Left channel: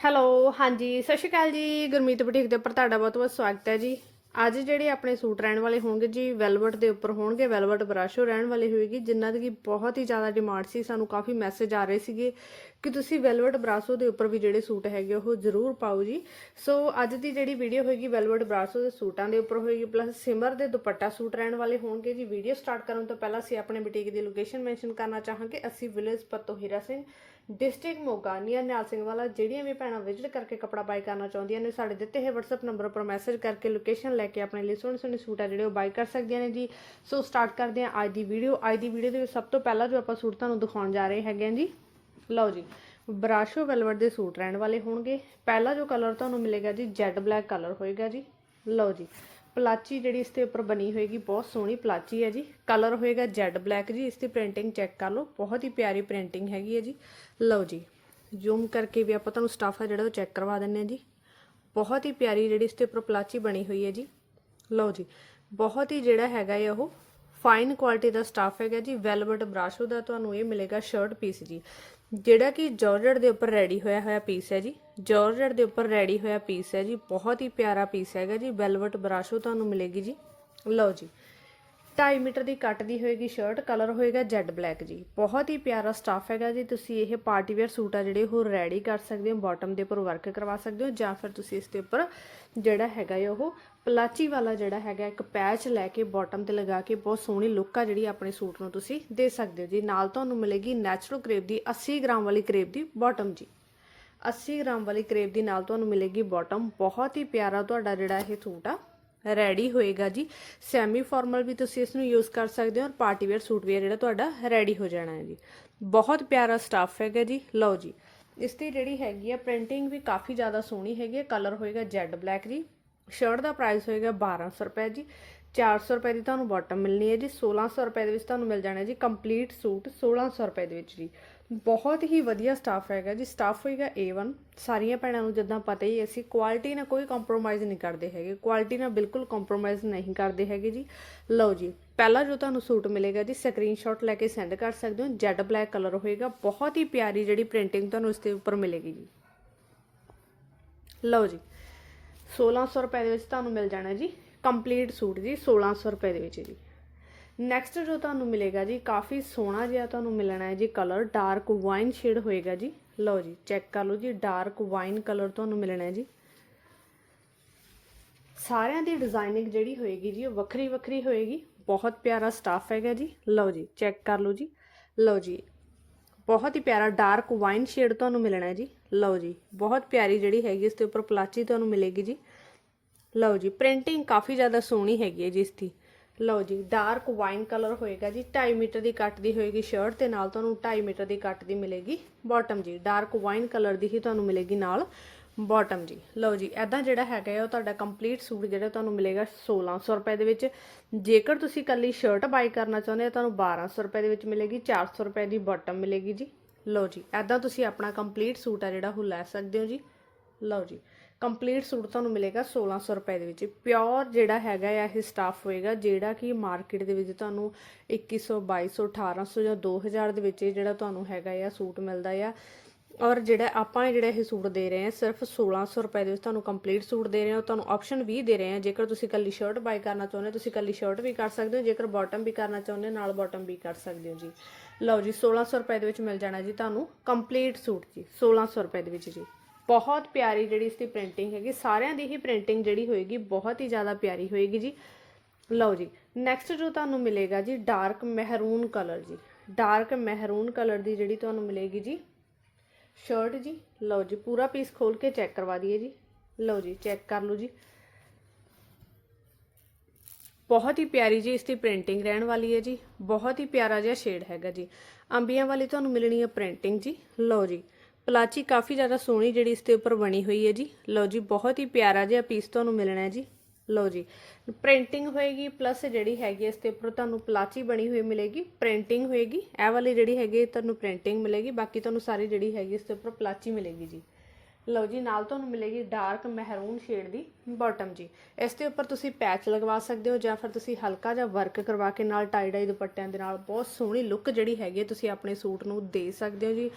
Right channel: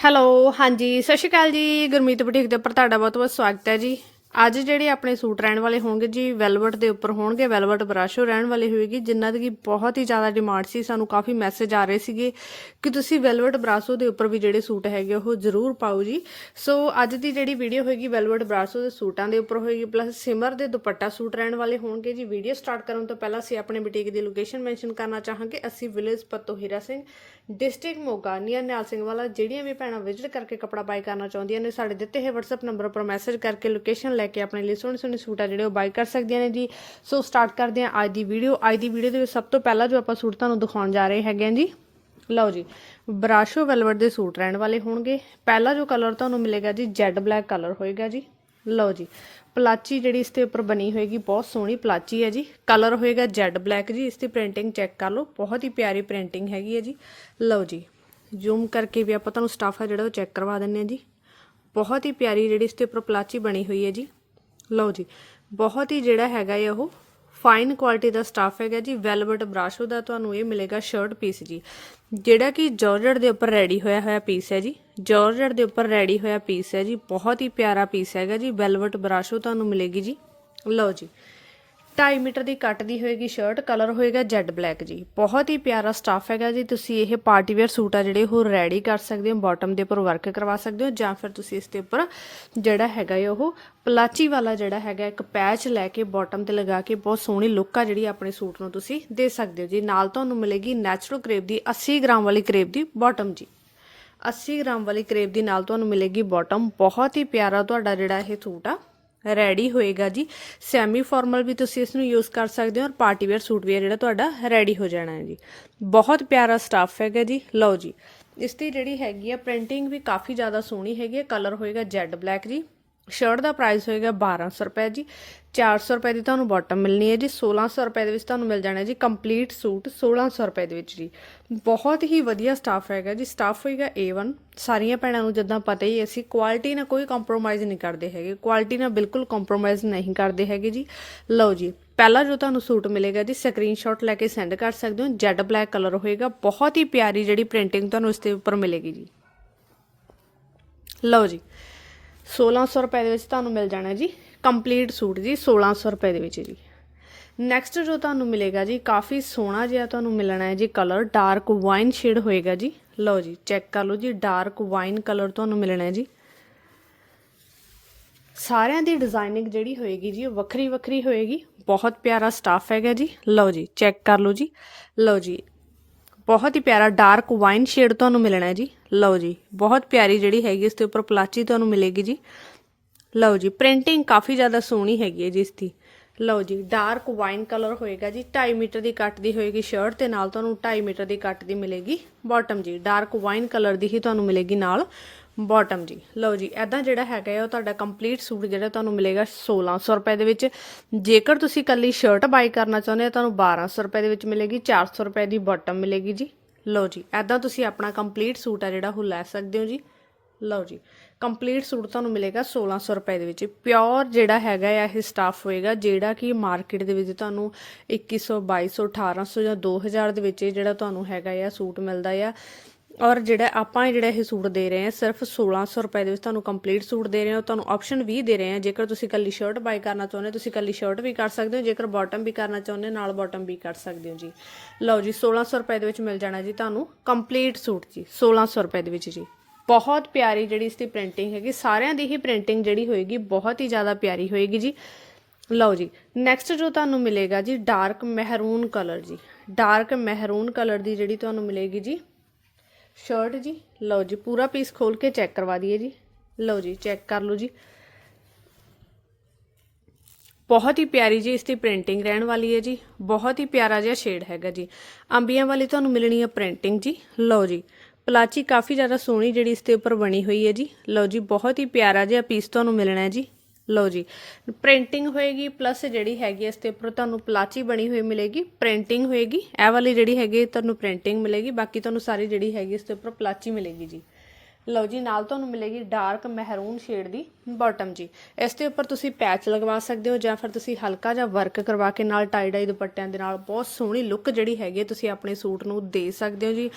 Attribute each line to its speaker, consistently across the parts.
Speaker 1: Hello, ਹਾਂਜੀ, ਸਤਿ ਸ਼੍ਰੀ ਅਕਾਲ ਜੀ, ਗੁਰਮੀਤ ਬੁਟੀਕ ਦੇ ਉੱਪਰ ਤੁਹਾਡਾ ਬਹੁਤ ਬਹੁਤ ਸਵਾਗਤ ਹੈ ਜੀ। ਅੱਜ ਜਿਹੜੇ ਆਪਣੇ ਸੂਟ ਰਹਿਣ ਵਾਲੇ ਹੋਣਗੇ ਜੀ, ਵੈਲਵਟ ਦੇ ਉੱਪਰ ਹੋਣਗੇ, ਵੈਲਵਟ ਬਰਾਸ਼ੋ ਰਹਿਣ ਵਾਲੇ ਹੋਏਗੀ, ਜਿਨ੍ਹਾਂ ਦੀ ਬਹੁਤ ਹੀ ਜ਼ਿਆਦਾ ਡਿਮਾਂਡ ਸੀ, ਸਾਨੂੰ ਕਾਫੀ ਮੈਸੇਜ ਆ ਰਹੇ ਸੀਗੇ ਕਿ ਤੁਸੀਂ ਵੈਲਵਟ ਬਰਾਸੋ ਦੇ ਉੱਪਰ ਵੀ ਜਿਹੜੇ ਸੂਟ ਹੈਗੇ ਉਹ ਜ਼ਰੂਰ ਪਾਓ ਜੀ। ਸੋ ਅੱਜ ਦੀ ਜਿਹੜੀ ਵੀਡੀਓ ਹੋਏਗੀ, ਵੈਲਵਟ ਬਰਾਸੋ ਦੇ ਸੂਟਾਂ ਦੇ ਉੱਪਰ ਹੋਏਗੀ ਪਲੱਸ ਸਿਮਰ ਦੇ ਦੁਪੱਟਾ ਸੂਟ ਰਹਿਣ ਵਾਲੇ ਹੋਣਗੇ ਜੀ। ਵੀਡੀਓ ਸਟਾਰਟ ਕਰਨ ਤੋਂ ਪਹਿਲਾਂ ਅਸੀਂ ਆਪਣੇ ਬੁਟੀਕ ਦੀ ਲੋਕੇਸ਼ਨ ਮੈਂਸ਼ਨ ਕਰਨਾ ਚਾਹਾਂਗੇ। ਅਸੀਂ village Patohira Singh district Moga near Nihal Singh Wala, ਜਿਹੜੀਆਂ ਵੀ ਭੈਣਾਂ ਵਿਜ਼ਿਟ ਕਰਕੇ ਕਪੜਾ ਬਾਈ ਕਰਨਾ ਚਾਹੁੰਦੀਆਂ ਨੇ, ਸਾਡੇ ਦਿੱਤੇ ਹੋਏ WhatsApp ਨੰਬਰ ਉੱਪਰ ਮੈਸੇਜ ਕਰਕੇ ਲੋਕੇਸ਼ਨ ਲੈ ਕੇ ਆਪਣੇ ਲਈ ਸੋਹਣੇ ਸੋਹਣੇ ਸੂਟ ਆ ਜਿਹੜੇ ਉਹ ਬਾਈ ਕਰ ਸਕਦੀਆਂ ਨੇ ਜੀ। ਸੋ ਸਟਾਰਟ ਕਰਦੇ ਹਾਂ ਅੱਜ ਦੀ ਵੀਡੀਓ ਅੱਜ ਦੀ ਵੀਡੀਓ ਦੇ ਵਿੱਚ ਸਭ ਤੋਂ ਪਹਿਲਾਂ ਜੋ ਆਪਾਂ ਸੂਟ ਤੁਹਾਨੂੰ ਦਿਖਾਉਣ ਜਾ ਰਹੇ ਹੈਗੇ ਆ ਜੀ, ਲਓ ਜੀ, ਬਰਾਸ਼ੋ ਵੈਲਵਟ ਦੇ ਸੂਟ ਰਹਿਣ ਵਾਲੇ ਹੋਣਗੇ। ਪਹਿਲਾ ਜੋ ਕਲਰ ਤੁਹਾਨੂੰ ਮਿਲੇਗਾ ਜੀ ਜੈਡ ਬਲੈਕ ਕਲਰ ਹੋਏਗਾ ਜੀ। ਲਓ ਜੀ ਪਲਾਚੀ ਜਿਹੜੀ ਇਸ ਤੇ ਉੱਪਰ ਬਣੀ ਹੋਏਗੀ, ਬਹੁਤ ਸੋਹਣੀ ਪਲਾਚੀ ਹੈ ਜੀ। ਕਲਰ ਹੋਏਗਾ ਜੈਡ ਬਲੈਕ ਜੀ, ਇਸ ਦੀ ਪ੍ਰਿੰਟਿੰਗ ਚੈੱਕ ਕਰ ਲਓ। ਬਹੁਤ ਹੀ ਪਿਆਰੀ ਪ੍ਰਿੰਟਿੰਗ ਹੈਗੀ ਹੈ ਜੀ। ਲਓ ਜੀ ਜ਼ੂਮ ਕਰਕੇ ਵੀ ਆਪਾਂ ਤੁਹਾਨੂੰ ਸਟਾਫ ਆ ਜਿਹੜਾ ਉਹ ਚੈੱਕ ਕਰਵਾ ਦਿੰਨੇ ਆ ਜੀ। ਬਹੁਤ ਹੀ ਪਿਆਰੀ ਜਿਹੜੀ ਇਸ ਤੇ ਉੱਪਰ ਪਲਾਚੀ ਬਣੀ ਹੋਈ ਹੈ ਜੀ। ਲਓ ਜੀ, ਬਹੁਤ ਹੀ ਜਿਹੜਾ ਹੈਗਾ ਹੈ ਉਹ ਫਾਈਨ ਕੁਆਲਿਟੀ ਦਾ ਸਟਾਫ ਹੈਗਾ ਜੀ ਵੈਲਵਟ ਬਰਾਸ਼ੋ ਦਾ ਤੁਹਾਨੂੰ ਇਹ ਮਿਲੇਗਾ ਸ਼ਰਟ ਪੀਸ ਜੀ। ਜਿਹੜਾ ਕਿ ਜਾਰਜਟ ਦੇ ਉੱਪਰ ਰੈਡੀ ਹੋਇਆ ਹੋਇਆ ਪੀਸ ਹੈ ਜੀ। ਜਾਰਜਟ ਦੇ ਉੱਪਰ ਰੈਡੀ ਹੋਇਆ ਪੀਸ ਹੈ ਜੀ। ਬਹੁਤ ਹੀ ਪਿਆਰਾ ਪੀਸ ਹੈਗਾ ਜੀ ਵੈਲਵਟ ਬਰਾਸ਼ੋ ਤੁਹਾਨੂੰ ਮਿਲੇਗੀ ਜੀ। ਲਓ ਜੀ। 2.5 ਮੀਟਰ ਦੀ ਕੱਟ ਦੀ ਹੋਏਗੀ ਸ਼ਰਟ ਕਲਰ ਹੋਏਗਾ ਜੈਡ ਬਲੈਕ ਜੀ। ਬਹੁਤ ਹੀ ਪਿਆਰਾ ਸਟਾਫ ਹੈਗਾ ਜੀ। ਤੁਸੀਂ ਇਹ ਪਾਰਟੀ ਵੇਅਰ ਸੂਟ ਆ ਜਿਹੜੇ ਉਹ ਰੈਡੀ ਕਰ ਸਕਦੇ ਹੋ ਬਾਟਮ ਦੇ ਉੱਪਰ ਵਰਕ ਕਰਵਾ ਸਕਦੇ ਹੋ, ਜਾਂ ਫਿਰ ਤੁਸੀਂ ਇਸ ਦੇ ਉੱਪਰ ਜਿਹੜਾ ਹੈਗਾ ਹੈ ਉਹ ਪਲਾਚੀ ਵਾਲਾ ਜਿਹੜਾ ਹੈਗਾ ਇੱਕ ਪੈਚ ਲੈ ਕੇ ਬਾਟਮ ਤੇ ਲਗਾ ਕੇ ਬਹੁਤ ਸੋਹਣੀ ਲੁੱਕ ਆ ਜਿਹੜੀ ਆਪਣੇ ਸੂਟ ਨੂੰ ਤੁਸੀਂ ਦੇ ਸਕਦੇ ਹੋ ਜੀ। ਨਾਲ ਤੁਹਾਨੂੰ ਮਿਲੇਗੀ ਨੈਚੁਰਲ ਕਰੇਪ ਦੀ 80 ਗ੍ਰਾਮ ਵਾਲੀ ਕਰੇਪ ਦੀ ਬਾਟਮ ਜੀ। 80 ਗ੍ਰਾਮ ਵਾਲੀ ਕਰੇਪ ਦੀ ਨਾਲ ਤੁਹਾਨੂੰ ਮਿਲੇਗੀ ਬਾਟਮ ਬਹੁਤ ਹੀ ਪਿਆਰਾ ਤੁਹਾਡਾ ਜਿਹੜਾ ਇਹ ਸੂਟ ਆ ਰੈਡੀ ਹੋਏਗਾ ਜੀ। ਸੈਮੀ ਫਾਰਮਲ ਵੀ ਤੁਸੀਂ ਇਸ ਨੂੰ ਯੂਜ਼ ਕਰ ਸਕਦੇ ਹੋ ਔਰ ਪਾਰਟੀ ਵੇਅਰ ਸੂਟ ਵੀ ਜਿਹੜਾ ਤੁਹਾਡਾ ਰੈਡੀ ਹੋ ਜਾਣਾ ਹੈ ਜੀ। ਬਹੁਤ ਪਿਆਰਾ ਸਟਾਫ ਹੈਗਾ ਜੀ। ਲਓ ਜੀ ਇਸ ਦੀ ਜਿਹੜੀ ਹੈਗੀ ਆ ਪ੍ਰਿੰਟਿੰਗ ਵੀ ਕਾਫੀ ਜ਼ਿਆਦਾ ਸੋਹਣੀ ਹੈਗੀ ਹੈ ਕਲਰ ਹੋਏਗਾ ਜੈਡ ਬਲੈਕ ਜੀ। ਸ਼ਰਟ ਦਾ ਪ੍ਰਾਈਸ ਹੋਏਗਾ 1200 ਰੁਪਏ ਜੀ। 400 ਰੁਪਏ ਦੀ ਤੁਹਾਨੂੰ ਬਾਟਮ ਮਿਲਣੀ ਹੈ ਜੀ। 1600 ਰੁਪਏ ਦੇ ਵਿੱਚ ਤੁਹਾਨੂੰ ਮਿਲ ਜਾਣਾ ਜੀ ਕੰਪਲੀਟ ਸੂਟ 1600 ਰੁਪਏ ਦੇ ਵਿੱਚ ਜੀ। ਬਹੁਤ ਹੀ ਵਧੀਆ ਸਟਾਫ ਹੈਗਾ ਜੀ। ਸਟਾਫ ਹੋਏਗਾ A1 ਸਾਰੀਆਂ ਭੈਣਾਂ ਨੂੰ ਜਿੱਦਾਂ ਪਤਾ ਹੀ ਹੈ, ਅਸੀਂ ਕੁਆਲਿਟੀ ਨਾਲ ਕੋਈ ਕੰਪਰੋਮਾਈਜ਼ ਨਹੀਂ ਕਰਦੇ ਹੈਗੇ। ਕੁਆਲਿਟੀ ਨਾਲ ਬਿਲਕੁਲ ਕੰਪਰੋਮਾਈਜ਼ ਨਹੀਂ ਕਰਦੇ ਹੈਗੇ ਜੀ। ਲਓ ਜੀ ਪਹਿਲਾ ਜੋ ਤੁਹਾਨੂੰ ਸੂਟ ਮਿਲੇਗਾ ਜੀ ਸਕਰੀਨਸ਼ਾਟ ਲੈ ਕੇ ਸੈਂਡ ਕਰ ਸਕਦੇ ਹੋ। ਜੈਡ ਬਲੈਕ ਕਲਰ ਹੋਏਗਾ। ਬਹੁਤ ਹੀ ਪਿਆਰੀ ਜਿਹੜੀ ਪ੍ਰਿੰਟਿੰਗ ਤੁਹਾਨੂੰ ਇਸ ਦੇ ਉੱਪਰ ਮਿਲੇਗੀ ਜੀ। ਲਓ ਜੀ 1600 ਰੁਪਏ ਦੇ ਵਿੱਚ ਤੁਹਾਨੂੰ ਮਿਲ ਜਾਣਾ ਜੀ ਕੰਪਲੀਟ ਸੂਟ ਜੀ 1600 ਰੁਪਏ ਦੇ ਵਿੱਚ ਜੀ। ਨੈਕਸਟ ਜੋ ਤੁਹਾਨੂੰ ਮਿਲੇਗਾ ਜੀ, ਕਾਫੀ ਸੋਹਣਾ ਜਿਹਾ ਤੁਹਾਨੂੰ ਮਿਲਣਾ ਹੈ ਜੀ ਕਲਰ ਡਾਰਕ ਵਾਈਨ ਸ਼ੇਡ ਹੋਏਗਾ ਜੀ। ਲਓ ਜੀ ਚੈੱਕ ਕਰ ਲਓ ਜੀ ਡਾਰਕ ਵਾਈਨ ਕਲਰ ਤੁਹਾਨੂੰ ਮਿਲਣਾ ਹੈ ਜੀ। ਸਾਰਿਆਂ ਦੀ ਡਿਜ਼ਾਈਨਿੰਗ ਜਿਹੜੀ ਹੋਏਗੀ ਜੀ, ਉਹ ਵੱਖਰੀ ਵੱਖਰੀ ਹੋਏਗੀ। ਬਹੁਤ ਪਿਆਰਾ ਸਟਾਫ ਹੈਗਾ ਜੀ। ਲਓ ਜੀ ਚੈੱਕ ਕਰ ਲਓ ਜੀ। ਲਓ ਜੀ ਬਹੁਤ ਹੀ ਪਿਆਰਾ ਡਾਰਕ ਵਾਈਨ ਸ਼ੇਡ ਤੁਹਾਨੂੰ ਮਿਲਣਾ ਹੈ ਜੀ। ਲਓ ਜੀ, ਬਹੁਤ ਪਿਆਰੀ ਜਿਹੜੀ ਹੈਗੀ ਇਸ ਦੇ ਉੱਪਰ ਪਲਾਚੀ ਤੁਹਾਨੂੰ ਮਿਲੇਗੀ ਜੀ। ਲਓ ਜੀ ਪ੍ਰਿੰਟਿੰਗ ਕਾਫੀ ਜ਼ਿਆਦਾ ਸੋਹਣੀ ਹੈਗੀ ਹੈ ਜੀ ਇਸ ਦੀ। ਲਓ ਜੀ ਡਾਰਕ ਵਾਈਨ ਕਲਰ ਹੋਏਗਾ ਜੀ 2.5 ਮੀਟਰ ਦੀ ਕੱਟ ਦੀ ਹੋਏਗੀ ਸ਼ਰਟ ਤੇ ਨਾਲ ਤੁਹਾਨੂੰ 2.5 ਮੀਟਰ ਦੀ ਕੱਟ ਦੀ ਮਿਲੇਗੀ। ਬਾਟਮ ਜੀ ਡਾਰਕ ਵਾਈਨ ਕਲਰ ਦੀ ਹੀ ਤੁਹਾਨੂੰ ਮਿਲੇਗੀ ਨਾਲ। ਬਾਟਮ ਜੀ। ਲਓ ਜੀ ਐਦਾਂ ਜਿਹੜਾ ਹੈਗਾ ਹੈ ਉਹ ਤੁਹਾਡਾ ਕੰਪਲੀਟ ਸੂਟ ਜਿਹੜਾ ਤੁਹਾਨੂੰ ਮਿਲੇਗਾ 1600 ਰੁਪਏ ਦੇ ਵਿੱਚ। ਜੇਕਰ ਤੁਸੀਂ ਕੱਲੀ ਸ਼ਰਟ ਬਾਈ ਕਰਨਾ ਚਾਹੁੰਦੇ ਹੋ, ਤੁਹਾਨੂੰ 1200 ਰੁਪਏ ਦੇ ਵਿੱਚ ਮਿਲੇਗੀ 400 ਰੁਪਏ ਦੀ ਬਾਟਮ ਮਿਲੇਗੀ ਜੀ। ਲਓ ਜੀ ਐਦਾਂ ਤੁਸੀਂ ਆਪਣਾ ਕੰਪਲੀਟ ਸੂਟ ਆ ਜਿਹੜਾ, ਉਹ ਲੈ ਸਕਦੇ ਹੋ ਜੀ। ਲਓ ਜੀ ਕੰਪਲੀਟ ਸੂਟ ਤੁਹਾਨੂੰ ਮਿਲੇਗਾ 1600 ਰੁਪਏ ਦੇ ਵਿੱਚ। ਪਿਓਰ ਜਿਹੜਾ ਹੈਗਾ ਆ, ਇਹ ਸਟਾਫ ਹੋਏਗਾ, ਜਿਹੜਾ ਕਿ ਮਾਰਕੀਟ ਦੇ ਵਿੱਚ ਤੁਹਾਨੂੰ 2100 2200 1800 ਜਾਂ 2000 ਦੇ ਵਿੱਚ ਜਿਹੜਾ ਤੁਹਾਨੂੰ ਹੈਗਾ ਆ ਸੂਟ ਮਿਲਦਾ ਆ। ਔਰ ਜਿਹੜਾ ਆਪਾਂ ਇਹ ਜਿਹੜਾ ਇਹ ਸੂਟ ਦੇ ਰਹੇ ਹਾਂ ਸਿਰਫ 1600 ਰੁਪਏ ਦੇ ਵਿੱਚ ਤੁਹਾਨੂੰ ਕੰਪਲੀਟ ਸੂਟ ਦੇ ਰਹੇ ਹਾਂ ਤੁਹਾਨੂੰ ਆਪਸ਼ਨ ਵੀ ਦੇ ਰਹੇ ਹਾਂ। ਜੇਕਰ ਤੁਸੀਂ ਕੱਲੀ ਸ਼ਰਟ ਬਾਈ ਕਰਨਾ ਚਾਹੁੰਦੇ ਹੋ ਤੁਸੀਂ ਕੱਲੀ ਸ਼ਰਟ ਵੀ ਕਰ ਸਕਦੇ ਹੋ। ਜੇਕਰ ਬਾਟਮ ਵੀ ਕਰਨਾ ਚਾਹੁੰਦੇ ਹੋ, ਨਾਲ ਬਾਟਮ ਵੀ ਕਰ ਸਕਦੇ ਹੋ ਜੀ। ਲਓ ਜੀ 1600 ਰੁਪਏ ਦੇ ਵਿੱਚ ਮਿਲ ਜਾਣਾ ਜੀ ਤੁਹਾਨੂੰ ਕੰਪਲੀਟ ਸੂਟ ਜੀ 1600 ਰੁਪਏ ਦੇ ਵਿੱਚ ਜੀ। ਬਹੁਤ ਪਿਆਰੀ ਜਿਹੜੀ ਇਸ ਦੀ ਪ੍ਰਿੰਟਿੰਗ ਹੈਗੀ ਸਾਰਿਆਂ ਦੀ ਹੀ ਪ੍ਰਿੰਟਿੰਗ ਜਿਹੜੀ ਹੋਏਗੀ ਬਹੁਤ ਹੀ ਜ਼ਿਆਦਾ ਪਿਆਰੀ ਹੋਏਗੀ ਜੀ। ਲਓ ਜੀ ਨੈਕਸਟ ਜੋ ਤੁਹਾਨੂੰ ਮਿਲੇਗਾ ਜੀ ਡਾਰਕ ਮਹਿਰੂਨ ਕਲਰ ਜੀ। ਡਾਰਕ ਮਹਿਰੂਨ ਕਲਰ ਦੀ ਜਿਹੜੀ ਤੁਹਾਨੂੰ ਮਿਲੇਗੀ ਜੀ ਸ਼ਰਟ ਜੀ। ਲਓ ਜੀ, ਪੂਰਾ ਪੀਸ ਖੋਲ ਕੇ ਚੈੱਕ ਕਰਵਾ ਦਈਏ ਜੀ। ਲਓ ਜੀ ਚੈੱਕ ਕਰ ਲਓ ਜੀ। ਬਹੁਤ ਹੀ ਪਿਆਰੀ ਜੀ ਇਸ ਦੀ ਪ੍ਰਿੰਟਿੰਗ ਰਹਿਣ ਵਾਲੀ ਹੈ ਜੀ। ਬਹੁਤ ਹੀ ਪਿਆਰਾ ਜਿਹਾ ਸ਼ੇਡ ਹੈਗਾ ਜੀ। ਅੰਬੀਆਂ ਵਾਲੀ ਤੁਹਾਨੂੰ ਮਿਲਣੀ ਹੈ ਪ੍ਰਿੰਟਿੰਗ ਜੀ। ਲਓ ਜੀ, ਪਲਾਚੀ ਕਾਫੀ ਜ਼ਿਆਦਾ ਸੋਹਣੀ ਜਿਹੜੀ ਇਸ ਦੇ ਉੱਪਰ ਬਣੀ ਹੋਈ ਹੈ ਜੀ। ਲਓ ਜੀ, ਬਹੁਤ ਹੀ ਪਿਆਰਾ ਜਿਹਾ ਪੀਸ ਤੁਹਾਨੂੰ ਮਿਲਣਾ ਹੈ ਜੀ। ਲਓ ਜੀ ਪ੍ਰਿੰਟਿੰਗ ਹੋਏਗੀ ਪਲੱਸ ਜਿਹੜੀ ਹੈਗੀ ਇਸ ਦੇ ਉੱਪਰ ਤੁਹਾਨੂੰ ਪਲਾਚੀ ਬਣੀ ਹੋਈ ਮਿਲੇਗੀ ਪ੍ਰਿੰਟਿੰਗ ਹੋਏਗੀ, ਇਹ ਵਾਲੀ ਜਿਹੜੀ ਹੈਗੀ ਤੁਹਾਨੂੰ ਪ੍ਰਿੰਟਿੰਗ ਮਿਲੇਗੀ, ਬਾਕੀ ਤੁਹਾਨੂੰ ਸਾਰੀ ਜਿਹੜੀ ਹੈਗੀ ਇਸ ਦੇ ਉੱਪਰ ਪਲਾਚੀ ਮਿਲੇਗੀ ਜੀ। ਲਓ ਜੀ, ਨਾਲ ਤੁਹਾਨੂੰ ਮਿਲੇਗੀ ਡਾਰਕ ਮਹਿਰੂਨ ਸ਼ੇਡ ਦੀ ਬਾਟਮ ਜੀ। ਇਸ ਦੇ ਉੱਪਰ ਤੁਸੀਂ ਪੈਚ ਲਗਵਾ ਸਕਦੇ ਹੋ ਜਾਂ ਫਿਰ ਤੁਸੀਂ ਹਲਕਾ ਜਿਹਾ ਵਰਕ ਕਰਵਾ ਕੇ ਨਾਲ ਟਾਈ ਡਾਈ ਦੁਪੱਟਿਆਂ ਦੇ ਨਾਲ ਬਹੁਤ ਸੋਹਣੀ ਲੁੱਕ ਜਿਹੜੀ ਹੈਗੀ ਹੈ ਤੁਸੀਂ ਆਪਣੇ ਸੂਟ ਨੂੰ ਦੇ ਸਕਦੇ ਹੋ ਜੀ।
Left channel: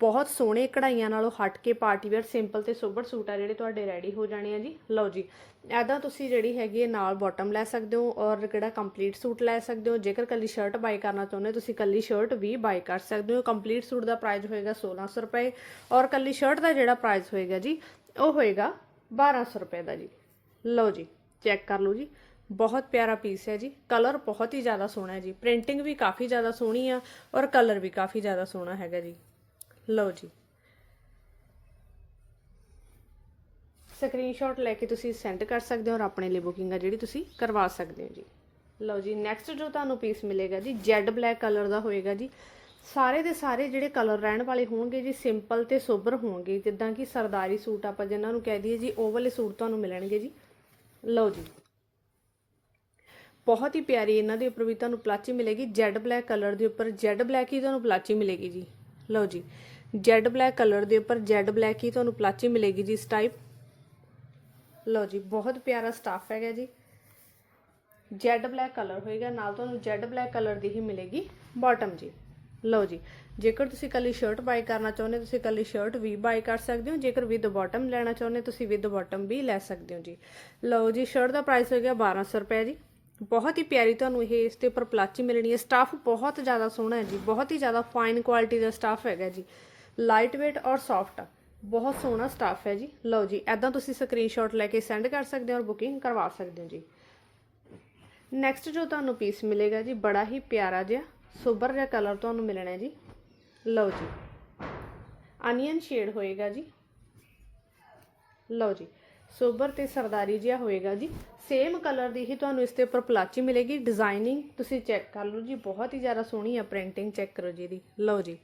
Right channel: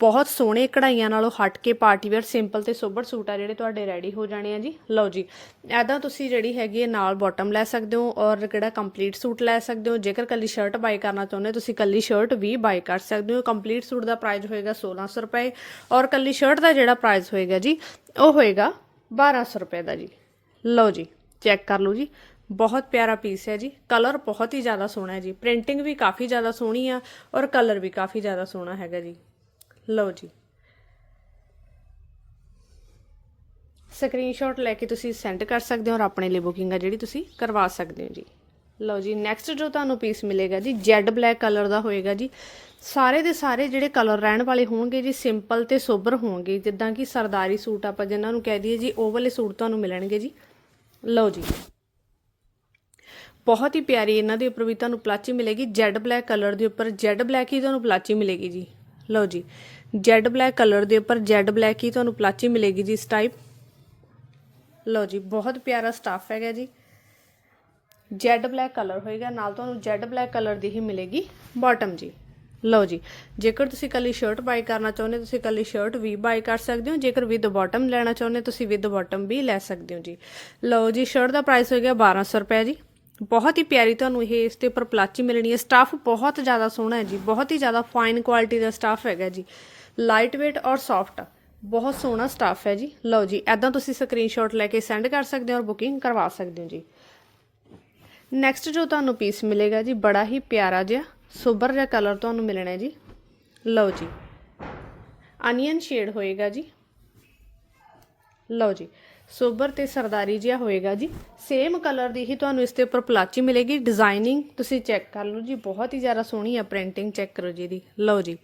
Speaker 1: ਬਹੁਤ ਸੋਹਣੇ ਕਢਾਈਆਂ ਨਾਲੋਂ ਹਟ ਕੇ ਪਾਰਟੀ ਵੇਅਰ ਸਿੰਪਲ ਤੇ ਸੋਬਰ ਸੂਟ ਆ ਜਿਹੜੇ ਤੁਹਾਡੇ ਰੈਡੀ ਹੋ ਜਾਣੇ ਆ ਜੀ। ਲਓ ਜੀ ਐਦਾਂ ਤੁਸੀਂ ਜਿਹੜੀ ਹੈਗੀ ਹੈ ਨਾਲ ਬਾਟਮ ਲੈ ਸਕਦੇ ਹੋ ਔਰ ਕਿਹੜਾ ਕੰਪਲੀਟ ਸੂਟ ਲੈ ਸਕਦੇ ਹੋ। ਜੇਕਰ ਕੱਲੀ ਸ਼ਰਟ ਬਾਈ ਕਰਨਾ ਚਾਹੁੰਦੇ ਹੋ, ਤੁਸੀਂ ਕੱਲੀ ਸ਼ਰਟ ਵੀ ਬਾਈ ਕਰ ਸਕਦੇ ਹੋ। ਕੰਪਲੀਟ ਸੂਟ ਦਾ ਪ੍ਰਾਈਸ ਹੋਏਗਾ 1600 ਰੁਪਏ ਔਰ ਕੱਲੀ ਸ਼ਰਟ ਦਾ ਜਿਹੜਾ ਪ੍ਰਾਈਸ ਹੋਏਗਾ ਜੀ। ਉਹ ਹੋਏਗਾ 1200 ਰੁਪਏ ਦਾ ਜੀ। ਲਓ ਜੀ ਚੈੱਕ ਕਰ ਲਓ ਜੀ। ਬਹੁਤ ਪਿਆਰਾ ਪੀਸ ਹੈ ਜੀ। ਕਲਰ ਬਹੁਤ ਹੀ ਜ਼ਿਆਦਾ ਸੋਹਣਾ ਹੈ ਜੀ। ਪ੍ਰਿੰਟਿੰਗ ਵੀ ਕਾਫੀ ਜ਼ਿਆਦਾ ਸੋਹਣੀ ਆ ਔਰ ਕਲਰ ਵੀ ਕਾਫੀ ਜ਼ਿਆਦਾ ਸੋਹਣਾ ਹੈਗਾ ਜੀ। ਲਓ ਜੀ। ਸਕਰੀਨਸ਼ਾਟ ਲੈ ਕੇ ਤੁਸੀਂ ਸੈਂਡ ਕਰ ਸਕਦੇ ਹੋ ਔਰ ਆਪਣੇ ਲਈ ਬੁਕਿੰਗ ਆ ਜਿਹੜੀ ਤੁਸੀਂ ਕਰਵਾ ਸਕਦੇ ਹੋ ਜੀ। ਲਓ ਜੀ ਨੈਕਸਟ ਜੋ ਤੁਹਾਨੂੰ ਪੀਸ ਮਿਲੇਗਾ ਜੀ ਜੈਡ ਬਲੈਕ ਕਲਰ ਦਾ ਹੋਏਗਾ ਜੀ। ਸਾਰੇ ਦੇ ਸਾਰੇ ਜਿਹੜੇ ਕਲਰ ਰਹਿਣ ਵਾਲੇ ਹੋਣਗੇ ਜੀ ਸਿੰਪਲ ਤੇ ਸੋਬਰ ਹੋਣਗੇ। ਜਿੱਦਾਂ ਕਿ ਸਰਦਾਰੀ ਸੂਟ ਆਪਾਂ ਜਿਨ੍ਹਾਂ ਨੂੰ ਕਹਿ ਦਈਏ ਜੀ, ਉਹ ਵਾਲੇ ਸੂਟ ਤੁਹਾਨੂੰ ਮਿਲਣਗੇ ਜੀ। ਲਓ ਜੀ। ਬਹੁਤ ਹੀ ਪਿਆਰੀ ਇਹਨਾਂ ਦੇ ਉੱਪਰ ਵੀ ਤੁਹਾਨੂੰ ਪਲਾਚੀ ਮਿਲੇਗੀ। ਜੈਡ ਬਲੈਕ ਕਲਰ ਦੇ ਉੱਪਰ ਜੈਡ ਬਲੈਕ ਹੀ ਤੁਹਾਨੂੰ ਪਲਾਚੀ ਮਿਲੇਗੀ ਜੀ। ਲਓ ਜੀ। ਜੈਡ ਬਲੈਕ ਕਲਰ ਦੇ ਉੱਪਰ ਜੈਡ ਬਲੈਕ ਹੀ ਤੁਹਾਨੂੰ ਪਲਾਚੀ ਮਿਲੇਗੀ ਜੀ ਇਸ ਟਾਈਪ ਲਓ ਜੀ, ਬਹੁਤ ਪਿਆਰਾ ਸਟਾਫ ਹੈਗਾ ਜੀ। ਜੈਡ ਬਲੈਕ ਕਲਰ ਹੋਏਗਾ, ਨਾਲ ਤੁਹਾਨੂੰ ਜੈਡ ਬਲੈਕ ਕਲਰ ਦੀ ਹੀ ਮਿਲੇਗੀ ਬਾਟਮ ਜੀ। ਲਓ ਜੀ, ਜੇਕਰ ਤੁਸੀਂ ਕੱਲੀ ਸ਼ਰਟ ਬਾਈ ਕਰਨਾ ਚਾਹੁੰਦੇ ਹੋ, ਤੁਸੀਂ ਕੱਲੀ ਸ਼ਰਟ ਵੀ ਬਾਈ ਕਰ ਸਕਦੇ ਹੋ, ਜੇਕਰ ਵਿਦ ਬਾਟਮ ਲੈਣਾ ਚਾਹੁੰਦੇ ਹੋ, ਤੁਸੀਂ ਵਿਦ ਬਾਟਮ ਵੀ ਲੈ ਸਕਦੇ ਹੋ ਜੀ। ਲਓ ਜੀ ਸ਼ਰਟ ਦਾ ਪ੍ਰਾਈਸ ਹੋ ਹੋਏਗਾ 1200 ਰੁਪਏ ਜੀ। ਬਹੁਤ ਹੀ ਪਿਆਰੀ ਤੁਹਾਨੂੰ ਇਹ ਇਸ ਦੇ ਉੱਪਰ ਪਲਾਚੀ ਮਿਲਣੀ ਹੈ। ਸਟਾਫ ਬਹੁਤ ਜ਼ਿਆਦਾ ਸੋਹਣਾ ਹੈ ਜੀ, ਬਹੁਤ ਹੀ ਜ਼ਿਆਦਾ ਫਾਈਨ ਕੁਆਲਿਟੀ ਦਾ ਸਟਾਫ ਹੈਗਾ ਜੀ। ਲਾਈਟ weight ਔਰ ਸੌਫਟ ਬਹੁਤ ਸੋਹਣਾ ਸਟਾਫ ਹੈ ਜੀ। ਲਓ ਜੀ ਐਦਾਂ ਤੁਸੀਂ ਸਕਰੀਨਸ਼ਾਟ ਲੈ ਕੇ ਸੈਂਡ ਕਰ ਸਕਦੇ ਹੋ ਔਰ ਬੁਕਿੰਗ ਕਰਵਾ ਸਕਦੇ ਹੋ ਜੀ। ਨੈਕਸਟ ਜੋ ਤੁਹਾਨੂੰ ਪੀਸ ਮਿਲੇਗਾ ਜੀ, ਬੜਾ ਹੀ ਪਿਆਰਾ ਜਿਹਾ ਸੋਬਰ ਜਿਹਾ ਕਲਰ ਤੁਹਾਨੂੰ ਮਿਲਣਾ ਜੀ। ਲਓ ਜੀ। ਅਨੀਅਨ ਸ਼ੇਡ ਹੋਏਗਾ ਜੀ। ਲਓ ਜੀ। ਸੋਬਰ ਤੇ ਸਰਦਾਰੀ ਜਿਹਾ ਹੋਏਗਾ ਜੀ। ਸੇਮ ਕਲਰ ਦੀ ਹੀ ਤੁਹਾਨੂੰ ਇਸ ਦੇ ਉੱਪਰ ਪਲਾਚੀ ਮਿਲੇਗੀ। ਡਿਜ਼ਾਈਨਿੰਗ ਤੁਸੀਂ ਚੈੱਕ ਕਰ ਲਓ ਜੀ। ਬਹੁਤ ਹੀ ਜ਼ਿਆਦਾ ਸੋਹਣੀ ਹੈ ਪ੍ਰਿੰਟਿੰਗ ਚੈੱਕ ਕਰੋ ਜੀ ਦੀ ਲਓ ਜੀ।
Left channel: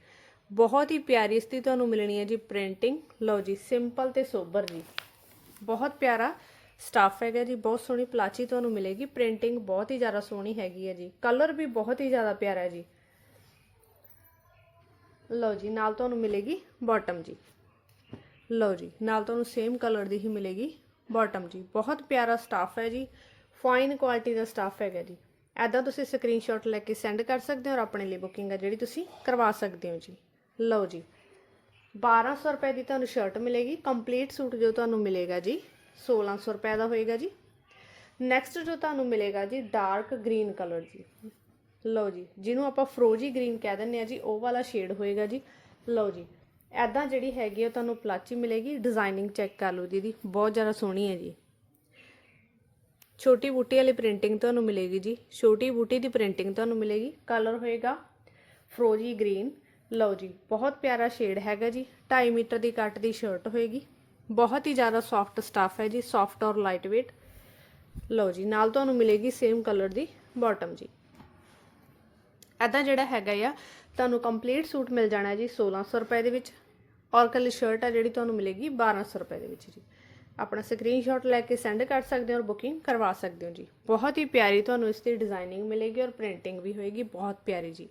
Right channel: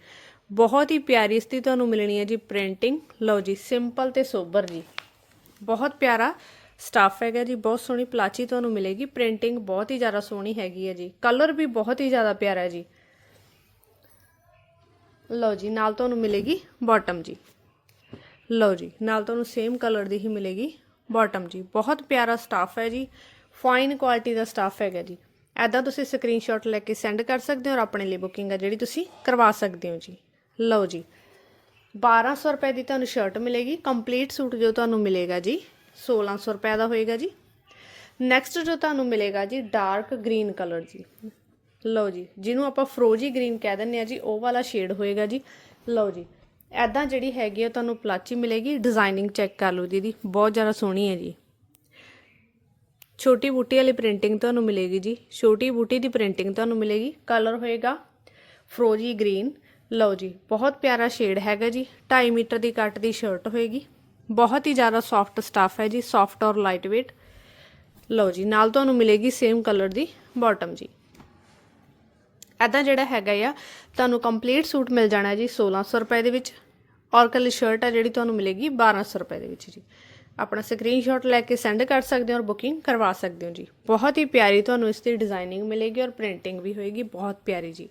Speaker 1: ਬਹੁਤ ਹੀ ਪਿਆਰੀ ਇਸ ਦੀ ਤੁਹਾਨੂੰ ਮਿਲਣੀ ਹੈ ਜੀ ਪ੍ਰਿੰਟਿੰਗ ਲਓ ਜੀ। ਸਿੰਪਲ ਤੇ ਸੋਬਰ ਜੀ। ਬਹੁਤ ਪਿਆਰਾ ਸਟਾਫ ਹੈਗਾ ਜੀ, ਬਹੁਤ ਸੋਹਣੀ ਪਲਾਚੀ ਤੁਹਾਨੂੰ ਮਿਲੇਗੀ, ਪ੍ਰਿੰਟਿੰਗ ਬਹੁਤ ਹੀ ਜ਼ਿਆਦਾ ਸੋਹਣੀ ਹੈਗੀ ਹੈ ਜੀ। ਕਲਰ ਵੀ ਬਹੁਤ ਹੀ ਜ਼ਿਆਦਾ ਪਿਆਰਾ ਹੈ ਜੀ। ਲਓ ਜੀ, ਨਾਲ ਤੁਹਾਨੂੰ ਮਿਲੇਗੀ ਬਾਟਮ ਜੀ। ਲਓ ਜੀ, ਨਾਲ ਤੁਹਾਨੂੰ ਸੇਮ ਕਲਰ ਦੀ ਹੀ ਮਿਲੇਗੀ ਬਾਟਮ ਜੀ। ਬਹੁਤ ਪਿਆਰਾ ਸਟਾਫ ਹੈ ਜੀ ਫਾਈਨ ਕੁਆਲਿਟੀ ਦਾ ਸਟਾਫ ਹੈਗਾ ਜੀ। ਐਦਾਂ ਤੁਸੀਂ ਸਕਰੀਨਸ਼ਾਟ ਲੈ ਕੇ ਸੈਂਡ ਕਰ ਸਕਦੇ ਹੋ ਔਰ ਆਪਣੇ ਲਈ ਬੁਕਿੰਗ ਆ ਜਿਹੜੀ ਤੁਸੀਂ ਕਰਵਾ ਸਕਦੇ ਹੋ ਜੀ। ਲਓ ਜੀ 1200 ਰੁਪਏ ਦੀ ਤੁਹਾਨੂੰ ਸ਼ਰਟ ਮਿਲੇਗੀ ਕੰਪਲੀਟ ਸੂਟ ਜੋ ਤੁਹਾਨੂੰ ਮਿਲੇਗਾ ਜੀ। 1600 ਰੁਪਏ ਦਾ ਹੋਏਗਾ ਜੀ। ਨੈਕਸਟ ਜੋ ਤੁਹਾਨੂੰ ਮਿਲੇਗਾ ਜੀ ਡਾਰਕ ਗ੍ਰੀਨ ਕਲਰ ਜੀ। ਲਓ ਜੀ, ਜਿਹਨੂੰ ਆਪਾਂ ਫਰੋਜੀ ਗ੍ਰੀਨ ਕਹਿ ਦਿੰਦੇ ਆ ਜੀ, ਉਹ ਵਾਲਾ ਸ਼ੇਡ ਹੋਏਗਾ ਜੀ। ਲਓ ਜੀ ਐਦਾਂ ਜਿਹੜੀ ਹੈਗੀ ਆ, ਤੁਹਾਨੂੰ ਪਲਾਚੀ ਮਿਲੇਗੀ। ਡਿਜ਼ਾਈਨਿੰਗ ਚੈੱਕ ਕਰ ਲਓ ਦੀਦੀ, ਬਹੁਤ ਜ਼ਿਆਦਾ ਸੋਹਣੀ ਹੈ ਜੀ। ਛੋਟੀ ਬੂਟੀ ਵਾਲੀ ਪ੍ਰਿੰਟਿੰਗ ਤੁਹਾਨੂੰ ਮਿਲੇਗੀ ਜੀ। ਛੋਟੀ ਬੂਟੀ ਦੀ ਪ੍ਰਿੰਟਿੰਗ ਤੁਹਾਨੂੰ ਮਿਲੇਗੀ। ਕਲਰ ਹੋਏਗਾ ਫਰੋਜੀ ਗ੍ਰੀਨ ਲਓ ਜੀ, ਬਹੁਤ ਪਿਆਰਾ ਸ਼ੇਡ ਹੈਗਾ ਜੀ। 2.5 ਮੀਟਰ ਦੀ ਕੱਟ ਦੀ ਸ਼ਰਟ ਹੋਏਗੀ। ਬਹੁਤ ਹੀ ਜ਼ਿਆਦਾ ਸੌਫਟ ਸਟਾਫ ਹੈ ਜੀ ਸੌਫਟ ਔਰ ਲਾਈਟ weight ਲਓ ਜੀ, ਨਾਲ ਤੁਹਾਨੂੰ ਮਿਲੇਗੀ ਸੇਮ ਕਲਰ ਦੀ ਬਾਟਮ ਜੀ। ਐਦਾਂ ਜਿਹੜਾ ਹੈਗਾ ਆ, ਤੁਹਾਨੂੰ ਕੰਪਲੀਟ ਸੂਟ ਮਿਲ ਜਾਣਾ ਜੀ 1600 ਰੁਪਏ ਦੇ ਵਿੱਚ। ਔਰ ਕੱਲੀ ਸ਼ਰਟ ਆ ਜਿਹੜੀ ਤੁਹਾਨੂੰ ਮਿਲੇਗੀ 1200 ਰੁਪਏ ਦੇ ਵਿੱਚ ਜੀ। ਆਪਣਾ ਸਕਰੀਨਸ਼ਾਟ ਲੈ ਕੇ ਸੈਂਡ ਕਰ ਸਕਦੇ ਹੋ ਔਰ ਬੁਕਿੰਗ ਕਰਵਾ ਸਕਦੇ ਹੋ ਜੀ। ਬਹੁਤ ਹੀ ਪਿਆਰੀ ਤੁਹਾਨੂੰ ਇਸ ਦੀ ਡਿਜ਼ਾਈਨਿੰਗ ਮਿਲੇਗੀ ਔਰ ਪ੍ਰਿੰਟਿੰਗ ਵੀ ਹੋਏਗੀ, ਬਹੁਤ ਪਿਆਰੀ ਜੀ।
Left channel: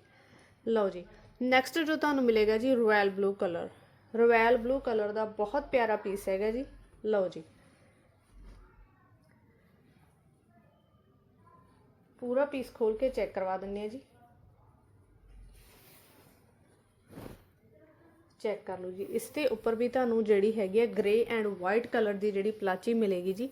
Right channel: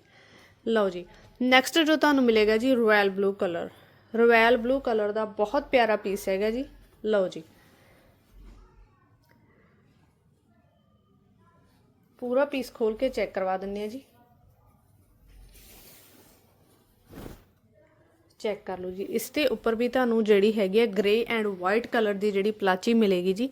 Speaker 1: ਲਓ ਜੀ ਨੈਕਸਟ ਜੋ ਤੁਹਾਨੂੰ ਮਿਲੇਗਾ ਜੀ royal blue colour royal blue colour ਦਾ ਬਹੁਤ ਪਿਆਰਾ ਪੀਸ ਹੈਗਾ ਜੀ। ਲਓ ਜੀ। ਪੂਰਾ ਪੀਸ ਖੋਲ ਕੇ ਚੈੱਕ ਕਰਵਾ ਦਿੰਨੇ ਆ ਜੀ। ਚੈੱਕ ਕਰ ਲਓ ਜੀ। ਇਸ ਦੇ ਉੱਪਰ ਵੀ ਤੁਹਾਨੂੰ ਜਿਹੜੀ ਹੈਗੀ ਹੈ ਗ੍ਰੇ ਐਂਡ ਵਾਈਟ ਕਲਰ ਦੀ ਜਿਹੜੀ ਪਲਾਚੀ ਮਿਲੇਗੀ ਜੀ।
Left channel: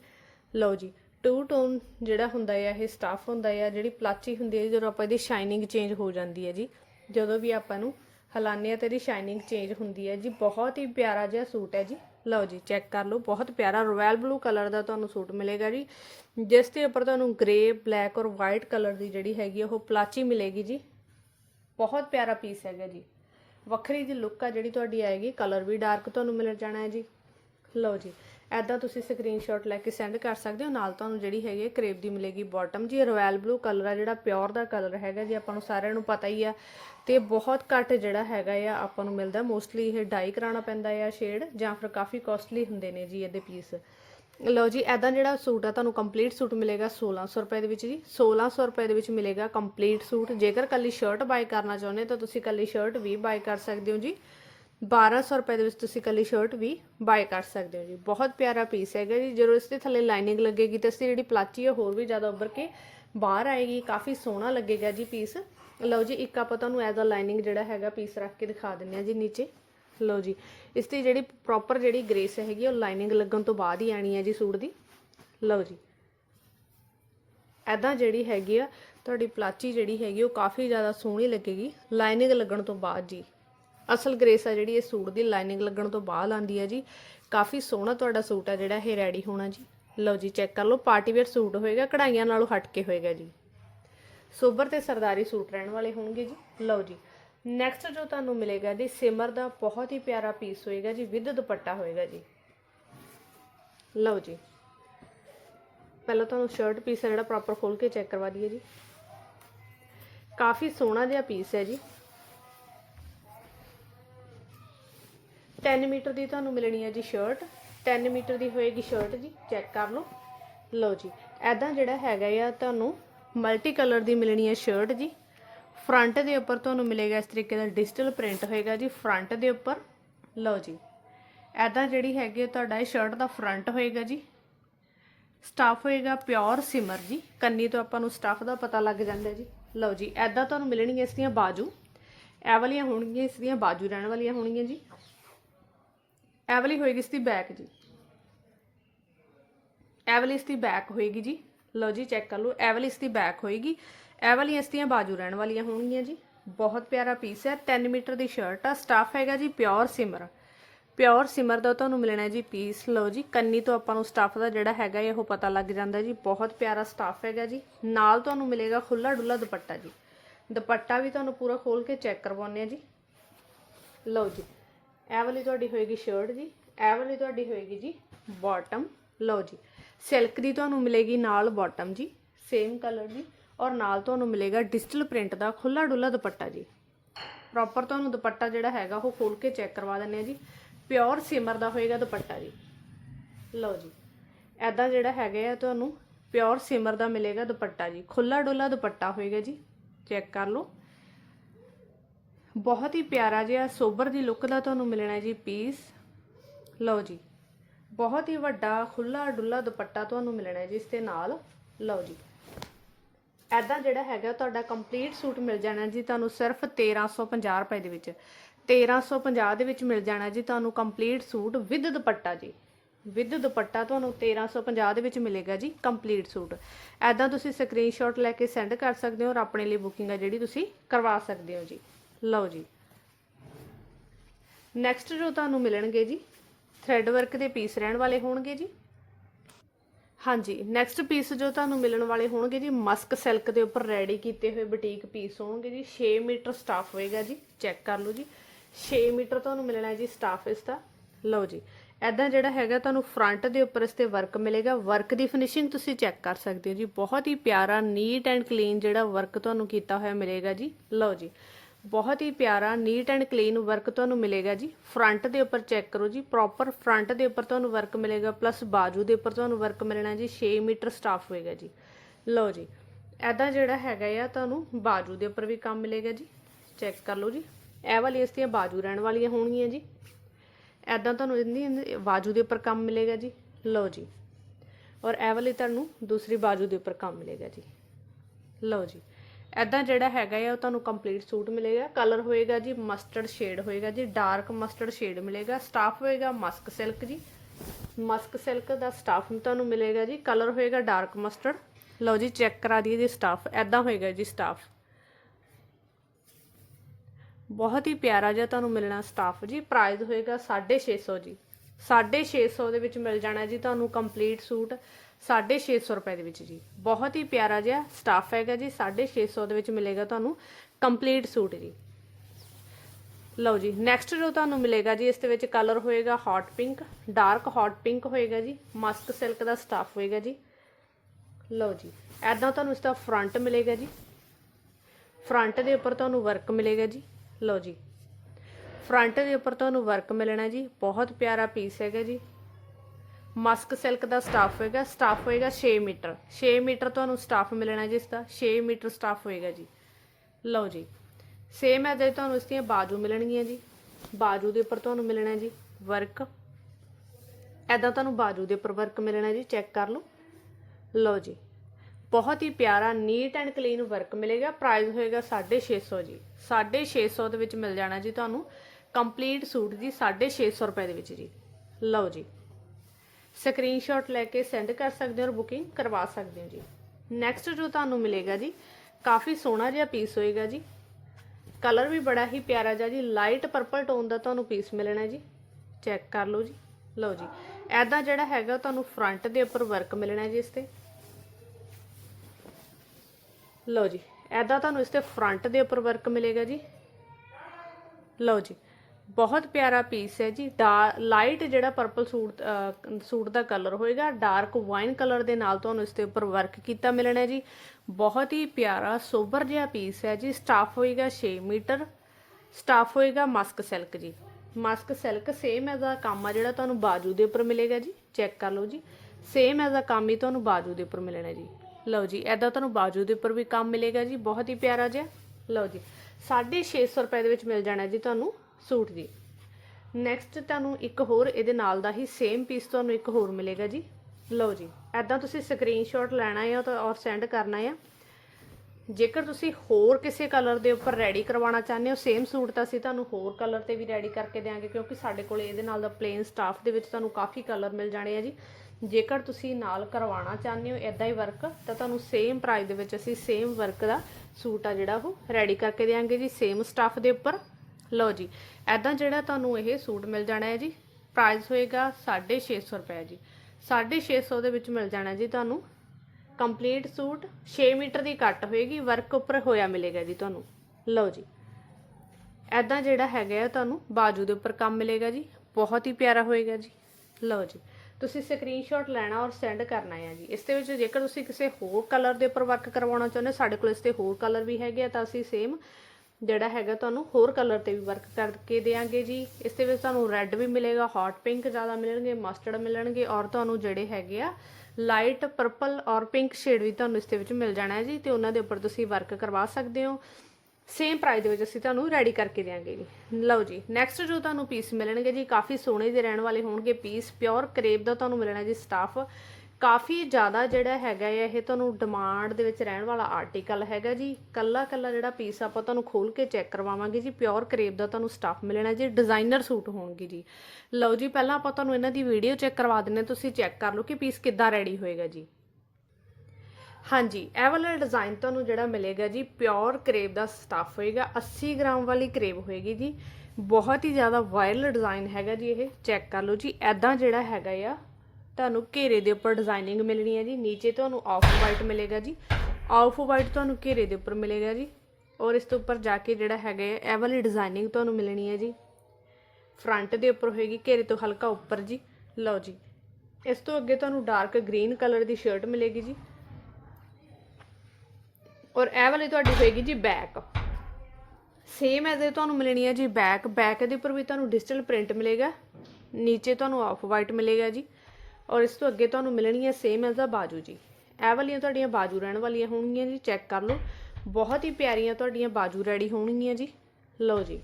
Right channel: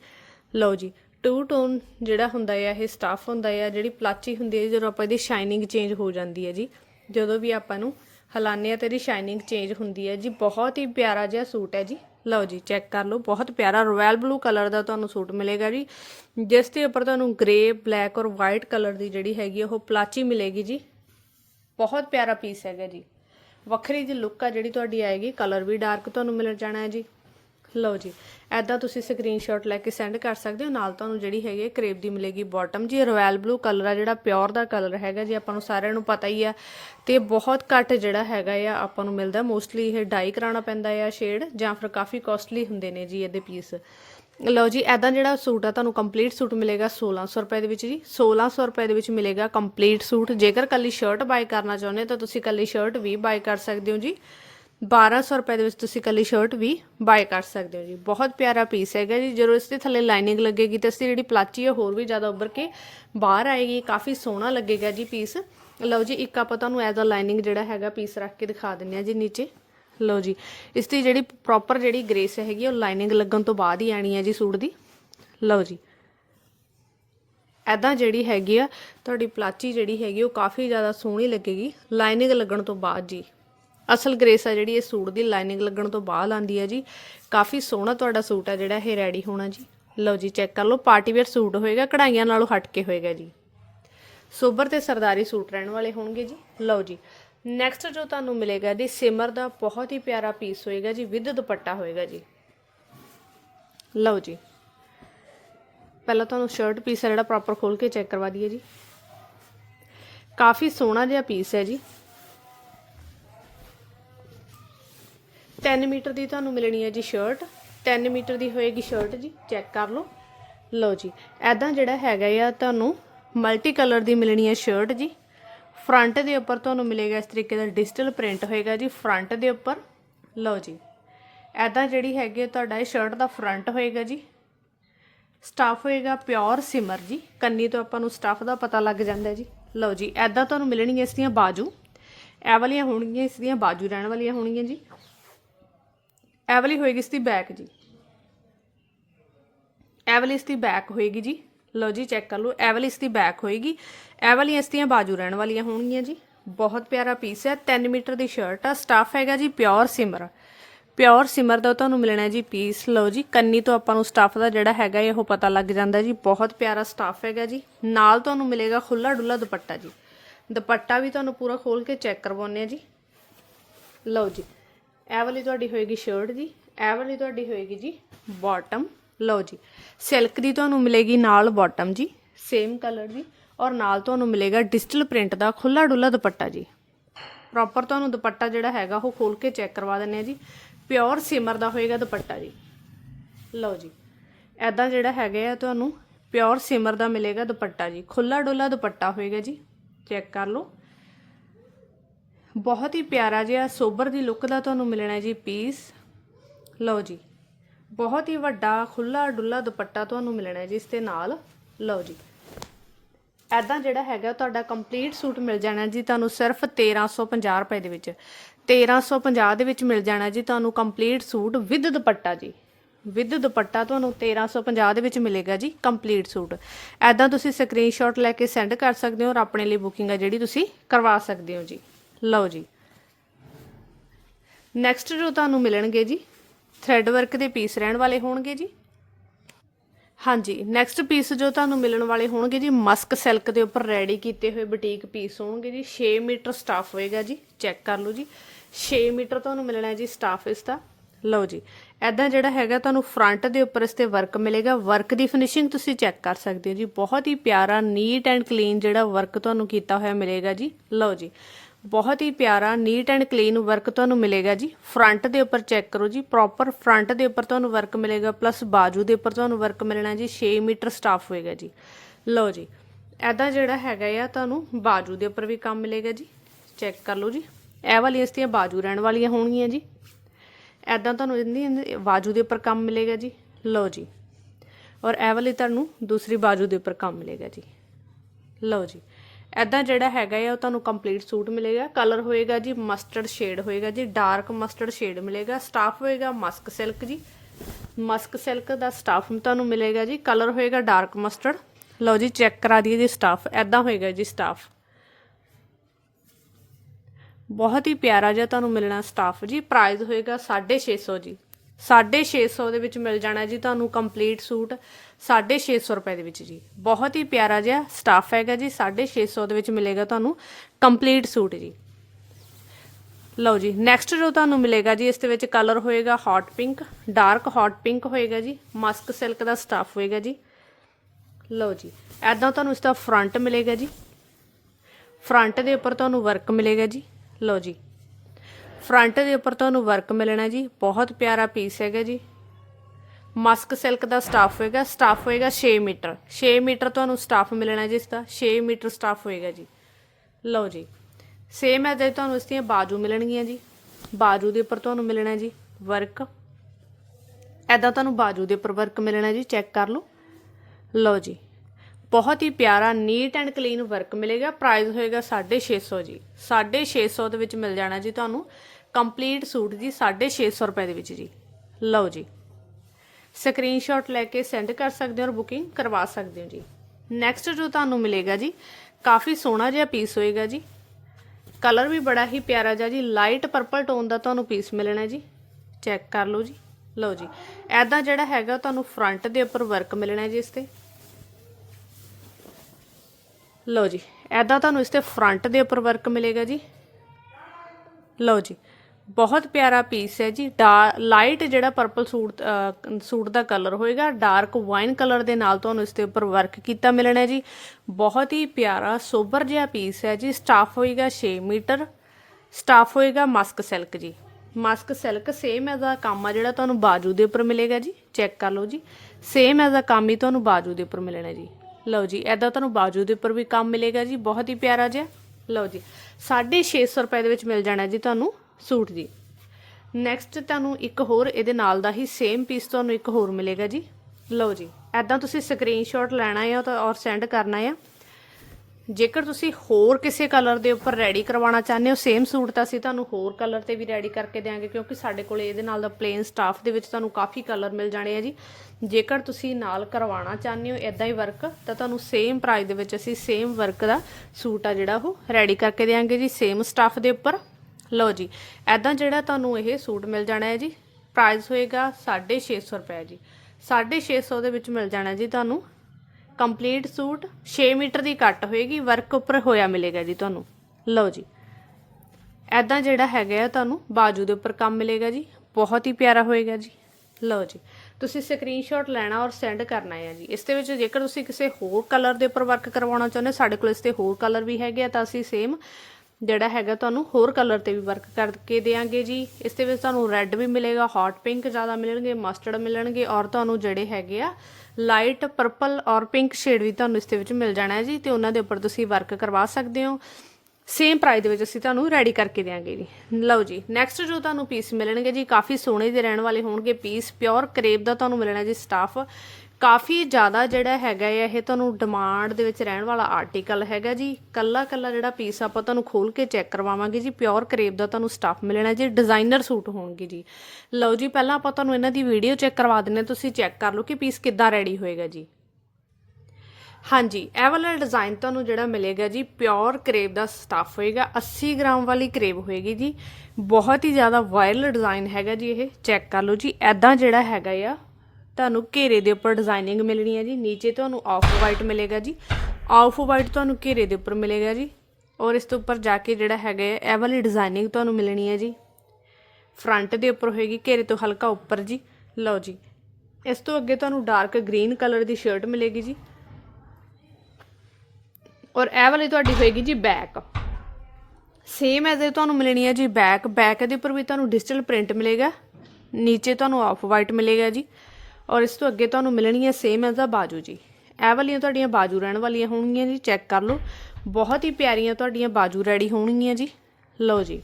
Speaker 1: ਲਓ ਜੀ। ਟੂ ਟੋਨ ਜਿਹੜਾ ਹੁੰਦਾ ਹੈ ਇਹ ਸਟਾਫ ਹੁੰਦਾ ਹੈ ਜਿਹੜੀ ਪਲਾਚੀ ਹੁੰਦੀ ਹੈ ਜਦੋਂ ਆਪਾਂ ਇਹਦੀ ਸ਼ਾਈਨਿੰਗ ਚੇਂਜ ਹੋ ਜਾਂਦੀ ਹੈ ਜੀ। ਜਦੋਂ ਵੀ ਆਪਾਂ ਨੂੰ ਹਲਾਨੇ ਆ ਤੇ ਇਹਦੀ ਸ਼ਾਈਨਿੰਗ ਚੇਂਜ ਹੁੰਦੀ ਹੈ। ਜੀ, ਬਹੁਤ ਹੀ ਪਿਆਰਾ ਜਿਹਾ ਸੂਟ ਹੈ ਜੀ। ਲਓ ਜੀ ਚੈੱਕ ਕਰ ਲਓ, ਬਹੁਤ ਪਿਆਰਾ ਰਾਇਲ ਬਲੂ ਕਲਰ ਦਾ ਤੁਹਾਨੂੰ ਸੂਟ ਮਿਲੇਗਾ ਜੀ। ਜਿਸ ਦੇ ਉੱਪਰ ਤੁਹਾਨੂੰ ਗ੍ਰੇ ਬਲੈਕ ਔਰ ਵਾਈਟ ਕਲਰ ਦੀ ਜਿਹੜੀ ਹੈਗੀ ਉਹ ਪਲਾਚੀ ਮਿਲੇਗੀ ਜੀ। ਬਹੁਤ ਪਿਆਰਾ ਪੀਸ ਹੈਗਾ ਜੀ। ਵੱਖਰੀ ਜੀ ਲੁੱਕ ਆ ਜਿਹੜੀ ਤੁਹਾਡੀ ਆਏਗੀ ਕਲਰ ਵੀ ਡਾਰਕ ਤੁਹਾਨੂੰ ਮਿਲ ਜਾਣਾ ਹੈ ਜੀ। ਲਓ ਜੀ ਐਦਾਂ ਤੁਸੀਂ ਸਕਰੀਨਸ਼ਾਟ ਲੈ ਕੇ ਸੈਂਡ ਕਰ ਸਕਦੇ ਹੋ, ਨਾਲ ਤੁਹਾਨੂੰ ਜਿਹੜੀ ਹੈਗੀ ਕਰੇਪ ਦੀ ਮਿਲੇਗੀ ਬਾਟਮ ਜੀ ਰਾਇਲ ਬਲੂ ਕਲਰ ਆ ਜਿਹੜਾ ਪਿਓਰ ਦਾ ਕਲਰ ਹੈਗਾ, ਜੀ ਆਪਾਂ ਨੂੰ ਸਾਰਿਆਂ ਨੂੰ ਪਤਾ ਹੀ ਆ, ਤੇ ਬਹੁਤ ਘੱਟ ਜਿਹੜਾ ਹੈਗਾ ਆ ਆਪਾਂ ਨੂੰ ਮਿਲਦਾ ਮੋਸਟਲੀ ਇਹ ਡਾਈ ਕਰਾਉਣਾ ਪੈਂਦਾ ਆ ਸ਼ੇਡ ਜਾਂ ਫਿਰ ਕਾਫੀ ਕਾਸਟਲੀ ਹੁੰਦੇ ਨੇ ਜੀ ਇਹਦੇ ਪੀਸ ਲਓ ਜੀ ਐਦਾਂ ਜਿਹੜਾ ਸੂਟ ਆ, ਤੁਹਾਨੂੰ ਕੰਪਲੀਟ ਸੂਟ ਮਿਲੇਗਾ 1600 ਰੁਪਏ ਦੇ ਵਿੱਚ ਜੀ। 1600 ਰੁਪਏ ਦੇ ਵਿੱਚ ਮਿਲੇਗਾ ਕੰਪਲੀਟ ਸੂਟ। ਜੇਕਰ ਕੱਲੀ ਸ਼ਰਟ ਬਾਈ ਕਰਨਾ ਚਾਹੁੰਦੇ ਤਾਂ ਤੁਸੀਂ ਕੱਲੀ ਸ਼ਰਟ ਵੀ ਬਾਈ ਕਰ ਸਕਦੇ ਹੋ ਜੀ। 1200 ਰੁਪਏ ਦੇ ਵਿੱਚ ਤੁਸੀਂ ਕੱਲੀ ਸ਼ਰਟ ਵੀ ਬਾਏ ਕਰ ਸਕਦੇ ਹੋ ਜੀ। ਬਹੁਤ ਪਿਆਰਾ ਪੀਸ ਹੈਗਾ ਜੀ। ਜਦੋਂ ਇਸ ਦੇ ਥੱਲੇ ਲਾਈਨਿੰਗ ਲੱਗੇਗੀ ਤਾਂ ਇਸ ਦੀ ਜਿਹੜੀ ਪਲਾਚੀ ਹੈ ਹੋਰ ਵੀ ਜ਼ਿਆਦਾ ਉੱਭਰ ਕੇ ਬਾਹਰ ਆਏਗੀ। ਕਾਫੀ ਸੋਹਣਾ ਲੱਗੇਗਾ ਜੀ ਪੀਸ ਲਓ ਜੀ, ਇੱਕ ਆਪਾਂ ਤੁਹਾਨੂੰ ਐਜ਼ ਅ ਲਾਈਨਿੰਗ ਜਿਹੜਾ ਹੈਗਾ ਪੀਸ ਰੱਖ ਕੇ ਦਿਖਾ ਦਿੰਨੇ ਆ ਜੀ ਨੀਚੇ। ਲਓ ਜੀ ਇਸ ਦੀ ਜਿਹੜੀ ਪ੍ਰੋਪਰ ਜਿਹੜੀ ਗ੍ਰੇਸ ਹੈਗੀ ਉਹ ਲਾਈਨਿੰਗ ਲੱਗਣ ਤੋਂ ਬਾਅਦ ਹੀ ਆਣੀ ਹੈ ਜੀ ਸੂਟ ਦੀ। ਲਓ ਜੀ ਐਦਾਂ ਜਿਹੜੀ ਹੈਗੀ ਆ, ਤੁਹਾਡੀ ਪਲਾਚੀ ਜਿਹੜੀ ਹੈਗੀ, ਉਹ ਕਾਫੀ ਜ਼ਿਆਦਾ ਸੋਹਣੀ ਲੱਗੇਗੀ। ਲਾਈਨਿੰਗ ਲੱਗਣ ਤੋਂ ਬਾਅਦ ਜੀ। ਅਸਲ ਗ੍ਰੇਸ ਆ ਜਿਹੜੀ ਇਹ ਸੂਟ ਦੀ ਲਾਈਨਿੰਗ ਲੱਗਣ ਤੋਂ ਬਾਅਦ ਆਂਦੀ ਹੈ ਜੀ। ਕਾਫੀ ਸੋਹਣਾ ਤੁਹਾਡਾ ਸੂਟ ਹੈ ਜਿਹੜਾ ਇਹ ਰੈਡੀ ਹੋਣਾ ਜੀ। ਲਓ ਜੀ ਚੈੱਕ ਕਰ ਲਓ ਪਾਰਟੀ ਵੇਅਰ ਸੂਟ ਹੋਏਗਾ, ਕਢਾਈਆਂ ਨਾਲੋਂ ਹਟ ਕੇ ਹੋਏਗਾ ਜੀ। ਸੋਬਰ ਤੇ ਸਰਦਾਰੀ ਸੂਟ ਰਹਿਣ ਵਾਲੇ ਹੋਣਗੇ ਜੀ। ਲਓ ਜੀ ਨੈਕਸਟ ਜੋ ਤੁਹਾਨੂੰ ਮਿਲੇਗਾ ਜੀ ਸਿਮਰ ਦਾ ਬਹੁਤ ਹੀ ਪਿਆਰਾ ਪੀਸ ਹੋਏਗਾ ਜੀ, ਵਿਦ ਦੁਪੱਟਾ ਹੋਏਗਾ ਜੀ। ਲਓ ਜੀ, ਪਹਿਲਾਂ ਤੁਹਾਨੂੰ ਸ਼ਰਟ ਪੀਸ ਹੈ ਜਿਹੜਾ ਪ੍ਰੋਪਰ ਖੋਲ ਕੇ ਚੈੱਕ ਕਰਵਾ ਦਈਏ ਜੀ। ਕਾਫੀ ਸੋਹਣਾ ਜਿਹਾ ਪੀਸ ਹੈ ਜੀ। 3 ਮੀਟਰ ਦੀ ਤੁਹਾਨੂੰ ਮਿਲਣੀ ਹੈ ਜੀ ਸ਼ਰਟ 3 ਮੀਟਰ ਦੀ ਹੋਏਗੀ ਸ਼ਰਟ ਜੀ ਚੈੱਕ ਕਰ ਲਓ। ਲਓ ਜੀ ਐਦਾਂ ਜਿਹੜਾ ਹੈਗਾ ਆ, ਤੁਹਾਨੂੰ ਮਲਟੀ ਕਲਰ ਦੀ ਮਿਲਣੀ ਹੈ ਸ਼ਰਟ ਜੀ। ਫਰੰਟ ਦੇ ਉੱਪਰ ਤੁਹਾਨੂੰ ਮਿਲੇਗਾ ਇਸ ਤਰੀਕੇ ਦਾ ਡਿਜੀਟਲ ਪ੍ਰਿੰਟ ਹੋਏਗਾ ਜੀ ਫਰੰਟ ਦੇ ਉੱਪਰ। ਲਓ ਜੀ ਐਦਾਂ ਜਿਹੜੀ ਹੈਗੀ ਹੈ ਤੁਹਾਡਾ ਇਹ ਸ਼ਰਟ ਦਾ ਫਰੰਟ ਹੋਏਗਾ ਜੀ। ਸਟਾਫ ਹੋਏਗਾ ਪਿਓਰ ਸਿਮਰ ਜੀ, ਕੰਨੀ ਤੋਂ ਆਪਾਂ ਨੂੰ ਸਟਾਫ ਦਾ ਪਤਾ ਲੱਗ ਜਾਂਦਾ ਜੀ। ਲਓ ਜੀ ਐਦਾਂ ਤੁਹਾਨੂੰ ਮਿਲਣਗੀਆਂ ਇਸ ਦੀਆਂ ਬਾਜੂ। ਇਹ ਵਾਲੀਆਂ ਹੋਣਗੀਆਂ, ਇਸ ਦੀਆਂ ਬਾਜੂ ਰਹਿਣ ਵਾਲੀਆਂ ਹੋਣਗੀਆਂ ਜੀ। ਇਹ ਵਾਲੀ ਹੋਏਗੀ ਇਸ ਦੀ ਬੈਕ ਜੀ। ਇਹ ਵਾਲੀ ਇਸ ਦੀ ਬੈਕ ਹੋਏਗੀ ਜੀ। ਲਓ ਜੀ ਚੈੱਕ ਕਰ ਲਓ, ਇਹ ਵਾਲੀ ਇਸ ਦੀ ਬੈਕ ਹੋਏਗੀ। ਇਹ ਵਾਲੀ ਇਸ ਦੀਆਂ ਬਾਜੂ ਰਹਿਣ ਵਾਲੀਆਂ ਹੋਣਗੀਆਂ ਜੀ। ਬਹੁਤ ਪਿਆਰਾ ਪੀਸ ਹੈ 3 ਮੀਟਰ ਦੀ ਸ਼ਰਟ ਆ ਸਟਾਫ ਹੈਗਾ ਜੀ ਪਿਓਰ ਸਿਮਰ ਪਿਓਰ ਸਿਮਰ ਦਾ ਤੁਹਾਨੂੰ ਮਿਲਣਾ ਜੀ ਪੀਸ ਲਓ ਜੀ, ਕੰਨੀ ਤੋਂ ਆਪਾਂ ਨੂੰ ਸਟਾਫ ਦਾ ਜਿਹੜਾ ਹੈਗਾ ਇਹ ਉਹ ਪਤਾ ਲੱਗ ਜਾਂਦਾ ਜੀ। ਬਹੁਤ ਪਿਆਰਾ ਸਟਾਫ ਹੈਗਾ ਜੀ। ਨਾਲ ਤੁਹਾਨੂੰ ਮਿਲੇਗਾ ਖੁੱਲਾ ਡੁੱਲਾ ਦੁਪੱਟਾ ਜੀ। ਦੁਪੱਟਾ ਵੀ ਤੁਹਾਨੂੰ ਪੂਰਾ ਖੋਲ ਕੇ ਚੈੱਕ ਕਰਵਾਉਂਦੇ ਆ ਜੀ। ਲਓ ਜੀ। ਇਹ ਵਾਲੀ ਤੁਹਾਡੀ ਹੋਏਗੀ ਸ਼ਰਟ ਜੀ, ਇਹ ਵਾਲੀ ਤੁਹਾਡੀ ਹੋਏਗੀ ਜੀ ਬਾਟਮ ਲਓ ਜੀ ਸਿਲਕ ਦੀ ਤੁਹਾਨੂੰ ਮਿਲੇਗੀ ਨਾਲ ਬਾਟਮ ਜੀ ਸੇਮ ਕਲਰ ਦੀ। ਔਰ ਨਾਲ ਤੁਹਾਨੂੰ ਮਿਲੇਗਾ ਡਿਜੀਟਲ ਪ੍ਰਿੰਟ ਦਾ ਖੁੱਲਾ ਡੁੱਲਾ ਦੁਪੱਟਾ ਜੀ। ਪ੍ਰੋਪਰ ਤੁਹਾਨੂੰ ਦੁਪੱਟਾ ਜਿਹੜਾ ਹੈਗਾ ਉਹ ਖੋਲ ਕੇ ਚੈੱਕ ਕਰਵਾ ਦਿੰਨੇ ਆ ਜੀ। ਪਿਓਰ ਸਿਮਰ ਦਾ ਹੋਏਗਾ ਦੁਪੱਟਾ ਜੀ। ਲਓ ਜੀ ਐਦਾਂ ਜਿਹੜਾ ਹੈਗਾ ਆ ਤੁਹਾਨੂੰ ਪਿਓਰ ਸਿਮਰ ਦਾ ਮਿਲੇਗਾ ਦੁਪੱਟਾ ਜੀ। ਖੁੱਲਾ ਡੁੱਲਾ ਦੁਪੱਟਾ ਹੋਏਗਾ ਜੀ। ਚੈੱਕ ਕਰ ਲਓ। ਬਹੁਤ ਹੀ ਪਿਆਰਾ ਜਿਹਾ, ਸੋਬਰ ਦੀ ਲੁੱਕ ਦਾ ਤੁਹਾਨੂੰ ਮਿਲਣਾ ਜੀ ਪੀਸ ਲਓ ਜੀ, ਬਹੁਤ ਹੀ ਵੱਡਾ ਖੁੱਲਾ ਡੁੱਲਾ ਦੁਪੱਟਾ ਤੁਹਾਨੂੰ ਮਿਲਣਾ ਜੀ ਇਸ ਦੇ ਨਾਲ। ਲਓ ਜੀ ਐਦਾਂ ਜਿਹੜਾ ਹੈਗਾ ਤੁਹਾਡਾ ਕੰਪਲੀਟ ਸੂਟ ਮਿਲ ਜਾਣਾ ਜੀ ਤੁਹਾਨੂੰ ਸਿਰਫ 1350 ਰੁਪਏ ਦੇ ਵਿੱਚ। 1350 ਦੇ ਵਿੱਚ ਮਿਲ ਜਾਣਾ ਜੀ ਤੁਹਾਨੂੰ ਕੰਪਲੀਟ ਸੂਟ ਵਿਦ ਦੁਪੱਟਾ ਜੀ। ਵਿਦ ਦੁਪੱਟਾ ਤੁਹਾਨੂੰ 1350 ਦੇ ਵਿੱਚ ਮਿਲੇਗਾ ਜੀ ਕੰਪਲੀਟ ਸੂਟ ਐਦਾਂ ਤੁਸੀਂ ਸਕਰੀਨਸ਼ਾਟ ਲੈ ਕੇ ਸੈਂਡ ਕਰ ਸਕਦੇ ਹੋ ਔਰ ਆਪਣੇ ਲਈ ਬੁਕਿੰਗ ਆ ਜਿਹੜੀ ਤੁਸੀਂ ਕਰਵਾ ਸਕਦੇ ਹੋ ਜੀ। ਲਓ ਜੀ। ਨੈਕਸਟ ਜੋ ਤੁਹਾਨੂੰ ਮਿਲਣਗੇ ਜੀ ਥ੍ਰੈਡ ਵਰਕ ਦੇ ਪੀਸ ਰਹਿਣ ਵਾਲੇ ਹੋਣਗੇ ਜੀ। ਹਾਂਜੀ ਨੈਕਸਟ ਪੀਸ ਜੋ ਤੁਹਾਨੂੰ ਮਿਲਣ ਵਾਲੇ ਹੋਣਗੇ ਜੀ ਮਸਕ ਸਿਲਕ ਦੇ ਉੱਪਰ ਰੈਡੀ ਕੀਤੇ ਹੋਏ ਬੁਟੀਕ ਪੀਸ ਹੋਣਗੇ ਜੀ। 6 ਮੀਟਰ ਸਟਾਫ ਹੋਏਗਾ ਜੀ ਚੈੱਕ ਕਰ ਲਓ ਜੀ। 6 ਮੀਟਰ ਤੁਹਾਨੂੰ ਮਿਲਣਾ ਹੈ ਜੀ ਸਟਾਫ ਇਸ ਦਾ ਲਓ ਜੀ ਐਦਾਂ ਜਿਹੜਾ ਹੈਗਾ ਤੁਹਾਨੂੰ ਫਰੰਟ ਦੇ ਉੱਪਰ ਇਸ ਤੇ ਵਰਕ ਮਿਲੇਗਾ। ਵਰਕ ਦੀ ਫਿਨਿਸ਼ਿੰਗ ਤੁਸੀਂ ਚੈੱਕ ਕਰ ਸਕਦੇ ਹੋ ਜੀ। ਬਹੁਤ ਹੀ ਪਿਆਰਾ ਨੀਟ ਐਂਡ ਕਲੀਨ ਜਿਹੜਾ ਵਰਕ ਤੁਹਾਨੂੰ ਕੀਤਾ ਹੋਇਆ ਮਿਲੇਗਾ ਜੀ। ਲਓ ਜੀ ਬਹੁਤ ਹੀ ਪਿਆਰਾ ਨੀਟ ਐਂਡ ਕਲੀਨ ਵਰਕ ਤੁਹਾਨੂੰ ਮਿਲੇਗਾ ਜੀ। ਫਰੰਟ ਦੇ ਉੱਪਰ ਚੈੱਕ ਕਰੋ ਜੀ ਪ੍ਰੋਪਰ ਫਰੰਟ ਦੇ ਉੱਪਰ ਤੁਹਾਨੂੰ ਵਰਕ ਮਿਲੇਗਾ ਪਲੱਸ ਬਾਜੂ ਦੇ ਉੱਪਰ ਤੁਹਾਨੂੰ ਵਰਕ ਮਿਲਣਾ ਜੀ 6 ਮੀਟਰ ਸਟਾਫ ਹੋਏਗਾ ਜੀ। ਲਓ ਜੀ ਐਦਾਂ ਜਿਹੜਾ ਹੈਗਾ ਆ, ਤੁਹਾਨੂੰ ਬਾਜੂ ਦੇ ਉੱਪਰ ਵੀ ਕੰਮ ਮਿਲੇਗਾ ਜੀ। ਚੈੱਕ ਕਰ ਲਓ ਜੀ, ਇਹ ਵਾਲੀ ਇਸ ਦੀਆਂ ਬਾਜੂ ਰਹਿਣ ਵਾਲੀਆਂ ਹੋਣਗੀਆਂ ਜੀ। ਐਦਾਂ ਤੁਹਾਨੂੰ ਇਹਦੀ ਬਾਜੂ ਦੇ ਉੱਪਰ ਕੰਮ ਮਿਲੇਗਾ ਜੀ। ਲਓ ਜੀ, ਔਰ ਇਹ ਵਾਲੀ ਤੁਹਾਨੂੰ ਦੂਸਰੀ ਬਾਜੂ ਦੇ ਉੱਪਰ ਕੰਮ ਮਿਲੇਗਾ ਜੀ। ਲਓ ਜੀ ਐਦਾਂ ਜਿਹੜਾ ਹੈਗਾ ਆ, ਉਹ ਤੁਹਾਨੂੰ ਕੰਪਲੀਟ ਸੂਟ ਮਿਲੇਗਾ। ਕਲਰ ਹੋਏਗਾ ਜੀ ਮਸਟਰਡ ਸ਼ੇਡ ਹੋਏਗਾ ਜੀ ਡਾਰਕ ਮਸਟਰਡ ਸ਼ੇਡ ਮਿਲੇਗਾ। ਸਟਾਫ ਹੋਏਗਾ ਮਸਕ ਸਿਲਕ ਜੀ। ਮਸਕ ਸਿਲਕ ਦਾ ਸਟਾਫ ਤੁਹਾਨੂੰ ਮਿਲੇਗਾ ਜੀ। ਕਲਰ ਹੋਏਗਾ ਡਾਰਕ ਮਸਟਰਡ ਲਓ ਜੀ ਚੈੱਕ ਕਰਾ ਦਈਏ ਜੀ ਸਟਾਫ ਐਦਾਂ ਹੋਏਗਾ ਜੀ ਸਟਾਫ ਬਹੁਤ ਹੀ ਪਿਆਰਾ ਜਿਹਾ ਤੁਹਾਨੂੰ ਮਿਲਣਾ ਸਟਾਫ ਜੀ। ਪ੍ਰਾਈਸ ਹੋਏਗਾ 650 ਜੀ। 650 ਦੇ ਵਿੱਚ ਮਿਲ ਜਾਣਾ ਜੀ ਤੁਹਾਨੂੰ ਕੰਪਲੀਟ ਸੂਟ 650 ਰੁਪਏ ਦੇ ਵਿੱਚ ਜੀ। ਬਹੁਤ ਹੀ ਪਿਆਰਾ ਜਿਹਾ ਸਟਾਫ ਹੈਗਾ ਜੀ। 650 ਦੇ ਵਿੱਚ ਮਿਲੇਗਾ ਤੁਹਾਨੂੰ ਕੰਪਲੀਟ ਸੂਟ ਜੀ। ਲਓ ਜੀ ਨੈਕਸਟ ਜੋ ਤੁਹਾਨੂੰ ਮਿਲੇਗਾ ਜੀ, ਇਸ ਦੇ ਵਿੱਚ ਕਲਰ ਹੋਏਗਾ hot pink dark hot pink ਹੋਏਗਾ ਜੀ। ਮਸਕ ਸਿਲਕ ਦਾ ਸਟਾਫ ਹੋਏਗਾ ਜੀ। ਲਓ ਜੀ ਐਦਾਂ ਤੁਹਾਨੂੰ ਇਸ ਦਾ ਫਰੰਟ ਮਿਲੇਗਾ ਜੀ। ਫਰੰਟ ਦੇ ਉੱਪਰ ਤੁਹਾਨੂੰ ਵਰਕ ਮਿਲੇਗਾ ਜੀ। ਲਓ ਜੀ ਫਰੰਟ ਦੇ ਉੱਪਰ ਤੁਹਾਨੂੰ ਵਰਕ ਮਿਲਣਾ ਜੀ। ਬਹੁਤ ਪਿਆਰਾ ਪੀਸ ਹੈਗਾ ਜੀ। ਮਸਕ ਸਿਲਕ ਦਾ ਸਟਾਫ ਹੋਏਗਾ ਸਟਾਫ ਹੋਏਗਾ 6 ਮੀਟਰ। 6 ਮੀਟਰ ਤੁਹਾਨੂੰ ਸਟਾਫ ਮਿਲਣਾ ਜੀ ਇਸ ਦਾ। 6 ਮੀਟਰ ਸਟਾਫ ਹੋਏਗਾ ਜੀ। ਲਓ ਜੀ। ਸੇਮ ਐ ਜੇ ਤੁਹਾਨੂੰ ਇਸ ਦੀਆਂ ਬਾਜੂ ਮਿਲਣਗੀਆਂ ਜੀ। ਬਾਜੂ ਦੇ ਉੱਪਰ ਤੁਹਾਨੂੰ ਮਿਲਣਾ ਜੀ ਵਰਕ ਐਦਾਂ ਤੁਹਾਨੂੰ ਬਾਜੂ ਦੇ ਉੱਪਰ ਵਰਕ ਮਿਲਣਾ ਜੀ ਚੈੱਕ ਕਰ ਲਓ। ਲਓ ਜੀ। ਬਹੁਤ ਹੀ ਪਿਆਰਾ ਨੀਟ ਐਂਡ ਕਲੀਨ ਵਰਕ ਮਿਲੇਗਾ। ਪ੍ਰਾਈਸ ਹੋਏਗਾ 650 ਜੀ। 650 ਦੇ ਵਿੱਚ ਮਿਲ ਜਾਣਾ ਜੀ ਤੁਹਾਨੂੰ ਕੰਪਲੀਟ ਸੂਟ ਜੀ 650 ਰੁਪਏ ਦੇ ਵਿੱਚ ਜੀ। ਲਓ ਜੀ। ਸਕਰੀਨਸ਼ਾਟ ਲੈ ਕੇ ਸੈਂਡ ਕਰ ਸਕਦੇ ਹੋ ਔਰ ਬੁਕਿੰਗ ਕਰਵਾ ਸਕਦੇ ਹੋ ਜੀ। ਨੈਕਸਟ ਜੋ ਤੁਹਾਨੂੰ ਮਿਲੇਗਾ ਜੀ, ਕਾਫੀ ਸੋਹਣਾ ਜਿਹਾ ਪੀਸ ਹੋਏਗਾ ਜੀ। ਕਲਰ ਵੀ ਬੜਾ ਹੀ ਪਿਆਰਾ ਜਿਹਾ ਜੀ। ਲਾਈਟ ਪਰਪਲ ਟੋਨ ਦਾ ਤੁਹਾਨੂੰ ਪੀਸ ਮਿਲਣਾ ਜੀ। ਚੈੱਕ ਕਰ ਲਓ ਜੀ। ਲਓ ਜੀ। ਐਦਾਂ ਜਿਹੜਾ ਹੈਗਾ ਤੁਹਾਨੂੰ ਫਰੰਟ ਦੇ ਉੱਪਰ ਵਰਕ ਮਿਲਣਾ ਜੀ ਇਸ ਤੇ। ਲਓ ਜੀ। ਐਦਾਂ ਤੁਹਾਨੂੰ ਇਸ ਤੇ ਫਰੰਟ ਦੇ ਉੱਪਰ ਵਰਕ ਮਿਲੇਗਾ ਜੀ। ਲਓ ਜੀ। ਬਹੁਤ ਪਿਆਰਾ ਪੀਸ ਹੈ ਜੀ। ਲਾਈਟ ਜਿਹੜਾ ਪਰਪਲ ਸੂਟ ਸੂਟ ਦਾ ਕਲਰ ਹੋਏਗਾ ਡਾਰਕ ਵਾਈਨ ਕਲਰ ਦੇ ਨਾਲ ਤੁਹਾਨੂੰ ਇਸ ਦੇ ਉੱਪਰ ਵਰਕ ਕੀਤਾ ਮਿਲਣਾ ਹੈ ਜੀ। ਬਹੁਤ ਹੀ ਪਿਆਰਾ, ਸੋਬਰ ਜਿਹਾ ਪੀਸ ਹੈ ਜੀ। ਸਟਾਫ ਹੋਏਗਾ 6 ਮੀਟਰ ਸਟਾਫ ਹੋਏਗਾ ਮਸਕ ਸਿਲਕ ਜੀ। ਮਸਕ ਸਿਲਕ ਸੇਮ ਐਜ਼ ਆ ਕੰਮ ਆ ਜਿਹੜਾ ਤੁਹਾਨੂੰ ਬਾਜੂ ਦੇ ਉੱਪਰ ਮਿਲੇਗਾ ਜੀ। ਚੈੱਕ ਕਰ ਲਓ ਜੀ। ਸੇਮ ਐਜ਼ ਆ ਕੰਮ ਹੀ ਤੁਹਾਨੂੰ ਬਾਜੂ ਦੇ ਉੱਪਰ ਮਿਲਣਾ ਜੀ। ਲਓ ਜੀ ਐਦਾਂ ਤੁਹਾਨੂੰ ਬਾਜੂ ਦੇ ਉੱਪਰ ਵੀ ਕੰਮ ਮਿਲੇਗਾ ਜੀ। ਬਹੁਤ ਹੀ ਪਿਆਰਾ ਜਿਹਾ। ਲਓ ਜੀ 650 ਰੁਪਏ ਦੇ ਵਿੱਚ ਮਿਲ ਜਾਣਾ ਜੀ ਤੁਹਾਨੂੰ। ਸੂਟ ਜੀ ਨੈਕਸਟ ਤੁਹਾਨੂੰ ਇੱਕ ਹੋਰ ਇਹਦੇ ਨਾਲ ਦਾ ਹੀ ਸੇਮ ਪੀਸ ਤੁਹਾਨੂੰ ਇੱਕ ਹੋਰ ਮਿਲੇਗਾ ਜੀ। ਲਓ ਜੀ ਐਦਾਂ ਤੁਸੀਂ ਸਕਰੀਨਸ਼ਾਟ ਲੈਣਾ ਹੈ ਤਾਂ ਔਰ ਸੈਂਡ ਕਰਨਾ ਹੈ ਜੇਕਰ ਤੁਸੀਂ ਹੋਰ ਕਿਸੇ ਕਲਰ ਦੇ ਉੱਪਰ ਰੈਡੀ ਕਰਵਾਉਣਾ ਚਾਹੁੰਦੇ ਹੋ ਸੇਮ ਸੂਟ ਤਾਂ ਅਸੀਂ ਤੁਹਾਨੂੰ ਹੋਰ ਕਲਰ ਤੇ ਵੀ ਰੈਡੀ ਕਰਕੇ ਦੇਵਾਂਗੇ ਕਿਉਂਕਿ ਸਾਡੇ ਕੋਲ ਇਹਦੇ ਨਾਲ ਦਾ ਪਲੇਨ ਸਟਾਫ ਦੇ ਵਿੱਚ ਤੁਹਾਨੂੰ ਕਾਫੀ ਕਲਰ ਮਿਲ ਜਾਣੇ ਆ ਜੀ। ਜੇਕਰ ਤੁਸੀਂ ਨਾਲ ਕਰਵਾਉਣਾ ਚਾਹੁੰਦੇ ਹੋ ਇਦਾਂ ਹੀ ਵਰਕ ਤਾਂ ਤੁਹਾਨੂੰ ਸੇਮ ਪ੍ਰਾਈਸ ਦੇ ਵਿੱਚ ਅਸੀਂ ਸੇਮ ਵਰਕ ਦਾ ਸੂਟ ਆ ਜਿਹੜਾ ਉਹ ਰੈਡੀ ਕਰਕੇ ਦੇਵਾਂਗੇ ਜੀ ਸੇਮ ਸਟਾਫ ਦੇ ਉੱਪਰ। ਲਓ ਜੀ ਐਦਾਂ ਜਿਹੜਾ ਤੁਹਾਨੂੰ ਇਹ ਸੂਟ ਮਿਲ ਜਾਣਾ ਹੈ ਜੀ ਪ੍ਰਾਈਸ ਹੋਏਗਾ 650 ਰੁਪਏ ਜੀ। 650 ਦੇ ਵਿੱਚ ਮਿਲ ਜਾਣਾ ਜੀ ਤੁਹਾਨੂੰ ਕੰਪਲੀਟ ਸੂਟ 6 ਮੀਟਰ ਦੀ ਕੱਟ ਹੋਏਗੀ ਵਰਕ ਉੱਪਰ ਹੋਇਆ ਮਿਲੇਗਾ ਜੀ ਤੁਹਾਨੂੰ। ਲਓ ਜੀ ਐਦਾਂ ਜਿਹੜਾ ਹੈਗਾ ਆ ਤੁਹਾਨੂੰ ਬਾਜੂ ਦੇ ਉੱਪਰ ਕੰਮ ਮਿਲੇਗਾ ਜੀ, ਬਹੁਤ ਹੀ ਪਿਆਰਾ ਹੋਏਗਾ ਜੀ। ਲਓ ਜੀ, ਤੁਸੀਂ ਸਕਰੀਨਸ਼ਾਟ ਲੈਣਾ ਔਰ ਸੈਂਡ ਕਰਨਾ ਹੈ ਜੀ। ਇਸ ਦੇ ਵਿੱਚ ਜੇਕਰ ਤੁਸੀਂ ਕਿਸੇ ਹੋਰ ਕਲਰ ਦੇ ਉੱਪਰ ਵਰਕ ਕਰਵਾਉਣਾ ਚਾਹੁੰਦੇ ਸਾਡੇ ਕੋਲ ਇਸ ਤੇ ਹੋਰ ਕਲਰ ਵੀ ਹੈਗੇ ਆ, ਤਾਂ ਅਸੀਂ ਸੇਮ ਜਿਹੜਾ ਹੈਗਾ ਤੁਹਾਨੂੰ ਹੋਰ ਕਲਰ ਤੇ ਵੀ ਵਰਕ ਕਰਕੇ ਦੇਵਾਂਗੇ ਜੀ। ਇਸ ਦੇ ਵਿੱਚ ਤੁਹਾਨੂੰ ਰੈੱਡ ਵੀ ਮਿਲੇਗਾ ਹੌਟ ਪਿੰਕ ਜ਼ਿਆਦਾ ਮਿਲਣਗੇ ਮਸਟਰਡ ਮਿਲਣਗੇ ਔਰ ਤੁਹਾਨੂੰ ਜਿਹੜੇ ਹੈਗੇ ਆ ਲਾਈਟ ਪਰਪਲ ਔਰ ਪਿੰਕ ਸ਼ੇਡ ਵੀ ਤੁਹਾਨੂੰ ਇਸ ਦੇ ਵਿੱਚ ਮਿਲ ਜਾਣਾ ਹੈ ਜੀ ਤੇ ਉਹਨਾਂ ਦੇ ਉੱਪਰ ਤੁਸੀਂ ਵਰਕ ਕਰਵਾ ਸਕਦੇ ਹੋ। ਸੇਮ ਪ੍ਰਾਈਸ ਦੇ ਵਿੱਚ ਅਸੀਂ ਤੁਹਾਨੂੰ ਰੈਡੀ ਕਰਕੇ ਦੇਵਾਂਗੇ ਜੀ। ਲਓ ਜੀ ਨੈਕਸਟ ਜੋ ਤੁਹਾਨੂੰ ਪੀਸ ਮਿਲਣਗੇ ਜੀ, ਕਾਫੀ ਸੋਹਣੇ ਦੇ ਰਹਿਣ ਵਾਲੇ ਹੋਣਗੇ ਪੀਸ ਪਿਓਰ ਕਰੇਪ ਦਾ ਤੁਹਾਨੂੰ ਮਿਲਣਾ ਜੀ ਸਟਾਫ ਕਾਫੀ ਜ਼ਿਆਦਾ ਜਿਹੜਾ ਹੈਗਾ ਹੈ ਇਹ ਤੁਹਾਨੂੰ ਡਿਮਾਂਡ ਦੇ ਵਿੱਚ ਰਹਿਣ ਵਾਲਾ ਆਰਟੀਕਲ ਹੈਗਾ ਜੀ। ਕੱਲਾ ਕੱਲਾ ਜਿਹੜਾ ਪੀਸ ਆਪਾਂ ਤੁਹਾਨੂੰ ਖੋਲ ਕੇ ਚੈੱਕ ਕਰਵਾਵਾਂਗੇ ਜੀ ਪਿਓਰ ਕਰੇਪ ਦਾ ਤੁਹਾਨੂੰ ਸਟੱਫ ਮਿਲਣਾ ਜੀ ਡਿਜ਼ਾਈਨਰ ਸੂਟ ਹੋਣਗੇ ਜੀ। ਲਓ ਜੀ, ਪਹਿਲਾਂ ਆਪਾਂ ਤੁਹਾਨੂੰ ਇਹਨਾਂ ਦੀ ਵੀਡੀਓ ਚੈੱਕ ਕਰਵਾ ਦਿੰਨੇ ਤੁਸੀਂ ਚੈੱਕ ਕਰ ਲਓ ਕਿ ਪੀਸ ਕਿੱਦਾਂ ਰੈਡੀ ਹੋਏਗਾ ਜੀ। ਹਾਂਜੀ, ਇਹ ਵਾਲਾ ਡਿਜ਼ਾਈਨ ਤੁਹਾਨੂੰ ਜਿਹੜਾ ਮਿਲੇਗਾ ਜੀ ਪਿਓਰ ਕਰੇਪ ਦਾ ਸਟੱਫ ਹੋਏਗਾ 80 ਗ੍ਰਾਮ ਵਾਲੀ ਕਰੇਪ ਹੋਏਗੀ ਜੀ। ਬਹੁਤ ਹੀ ਜ਼ਿਆਦਾ ਵਾਇਰਲ ਡਿਜ਼ਾਈਨ ਹੈਗਾ ਜੀ ਇਹ ਚੈੱਕ ਕਰ ਲਓ ਜੀ ਐਦਾਂ ਜਿਹੜਾ ਹੈਗਾ ਆ ਤੁਹਾਨੂੰ ਘੇਰੇ ਦੇ ਉੱਪਰ ਡਿਜ਼ਾਈਨਿੰਗ ਮਿਲਣੀ ਹੈ ਜੀ। ਨੀਚੇ ਤੁਹਾਨੂੰ ਆਫ ਵਾਈਟ ਮਿਲੇਗਾ ਜੀ। ਆਫ ਵਾਈਟ ਤੁਹਾਨੂੰ ਘੇਰੇ ਦੇ ਉੱਪਰ ਮਿਲੇਗਾ ਜੀ। ਔਰ ਇਸ ਤੋਂ ਉੱਪਰ ਜਾ ਕੇ ਜਿਹੜਾ ਹੈਗਾ ਹੈ, ਇਹ ਵਾਲੀ ਡਿਜ਼ਾਈਨਿੰਗ ਤੁਹਾਨੂੰ ਮਿਲਣੀ ਹੈ ਜੀ। ਫਰੰਟ ਦੇ ਉੱਪਰ ਹੋਏਗੀ, ਘੇਰੇ ਤੋਂ ਹਲਕਾ ਉੱਪਰ ਜੀ। ਲਓ ਜੀ। ਇਸ ਤੋਂ ਅੱਗੇ ਤੁਹਾਨੂੰ ਡਾਰਕ ਗ੍ਰੀਨ ਕਲਰ ਦੀ ਸ਼ਰਟ ਮਿਲੇਗੀ ਜੀ। ਔਰ ਇਹ ਵਾਲੀ ਤੁਹਾਡੀ ਹੋਏਗੀ ਜੀ ਬੈਕ ਸੇਮ ਐਜ਼ ਇਹ ਤੁਹਾਨੂੰ ਮਿਲਣੀ ਹੈ ਜੀ ਬੈਕ ਬੈਕ ਦੇ ਉੱਪਰ ਵੀ ਤੁਹਾਨੂੰ ਡਿਜੀਟਲ ਪ੍ਰਿੰਟ ਮਿਲੇਗਾ। ਨੀਚੇ ਤੁਹਾਨੂੰ ਆਫ ਵਾਈਟ ਮਿਲੇਗਾ ਜੀ। ਔਰ ਇਸ ਤੋਂ ਅੱਗੇ ਤੁਹਾਨੂੰ ਮਿਲਣੀ ਹੈ ਸੇਮ ਐਜ਼ ਆ ਬਾਜੂ ਜੀ। ਇਹ ਵਾਲੀਆਂ ਤੁਹਾਡੀਆਂ ਬਾਜੂ ਰਹਿਣ ਵਾਲੀਆਂ ਹੋਣਗੀਆਂ ਜੀ ਚੈੱਕ ਕਰ ਲਓ। ਬਹੁਤ ਹੀ ਪਿਆਰੀਆਂ ਤੁਹਾਡੀਆਂ ਬਾਜੂ ਰੈਡੀ ਹੋਣਗੀਆਂ ਜੀ। ਲਓ ਜੀ।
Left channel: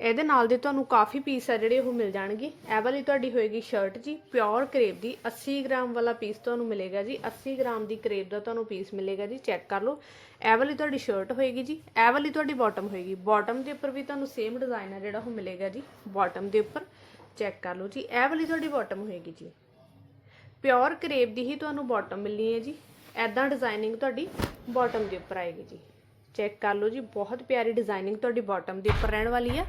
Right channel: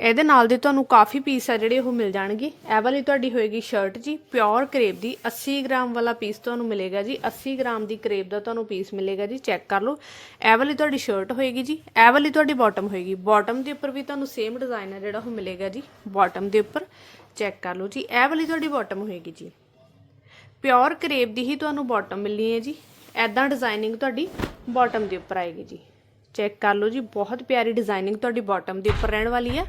Speaker 1: ਇਹਦੇ ਨਾਲ ਦੇ ਤੁਹਾਨੂੰ ਕਾਫੀ ਪੀਸ ਆ ਜਿਹੜੇ ਉਹ ਮਿਲ ਜਾਣਗੇ। ਇਹ ਵਾਲੀ ਤੁਹਾਡੀ ਹੋਏਗੀ ਸ਼ਰਟ ਜੀ ਪਿਓਰ ਕਰੇਪ ਦੀ 80 ਗ੍ਰਾਮ ਵਾਲਾ ਪੀਸ ਤੁਹਾਨੂੰ ਮਿਲੇਗਾ ਜੀ। 80 ਗ੍ਰਾਮ ਦੀ ਕਰੇਪ ਦਾ ਤੁਹਾਨੂੰ ਪੀਸ ਮਿਲੇਗਾ ਜੀ ਚੈੱਕ ਕਰ ਲਓ। ਇਹ ਵਾਲੀ ਤੁਹਾਡੀ ਸ਼ਰਟ ਹੋਏਗੀ ਜੀ। ਇਹ ਵਾਲੀ ਤੁਹਾਡੀ ਬਾਟਮ ਹੋਏਗੀ। ਬਾਟਮ ਦੇ ਉੱਪਰ ਵੀ ਤੁਹਾਨੂੰ ਸੇਮ ਡਿਜ਼ਾਈਨ ਆ ਜਿਹੜਾ ਉਹ ਮਿਲੇਗਾ ਜੀ ਬਾਟਮ ਦੇ ਉੱਪਰ। ਚੈੱਕ ਕਰ ਲਓ ਜੀ। ਇਹ ਵਾਲੀ ਤੁਹਾਡੀ ਬਾਟਮ ਹੋਏਗੀ ਜੀ। ਪਿਓਰ ਕਰੇਪ ਦੀ ਹੀ ਤੁਹਾਨੂੰ ਬਾਟਮ ਮਿਲਣੀ ਹੈ ਜੀ। ਐਦਾਂ ਡਿਜ਼ਾਈਨਿੰਗ ਤੁਹਾਡੀ ਬਾਟਮ ਦੇ ਉੱਪਰ ਆਏਗੀ ਜੀ। ਚੈੱਕ ਕਰ ਲਓ ਜੀ, ਬਹੁਤ ਪਿਆਰੀ ਡਿਜ਼ਾਈਨਿੰਗ ਤੁਹਾਡੀ ਬਾਟਮ ਦੇ ਉੱਪਰ ਰਹਿਣ ਵਾਲੀ ਹੈ।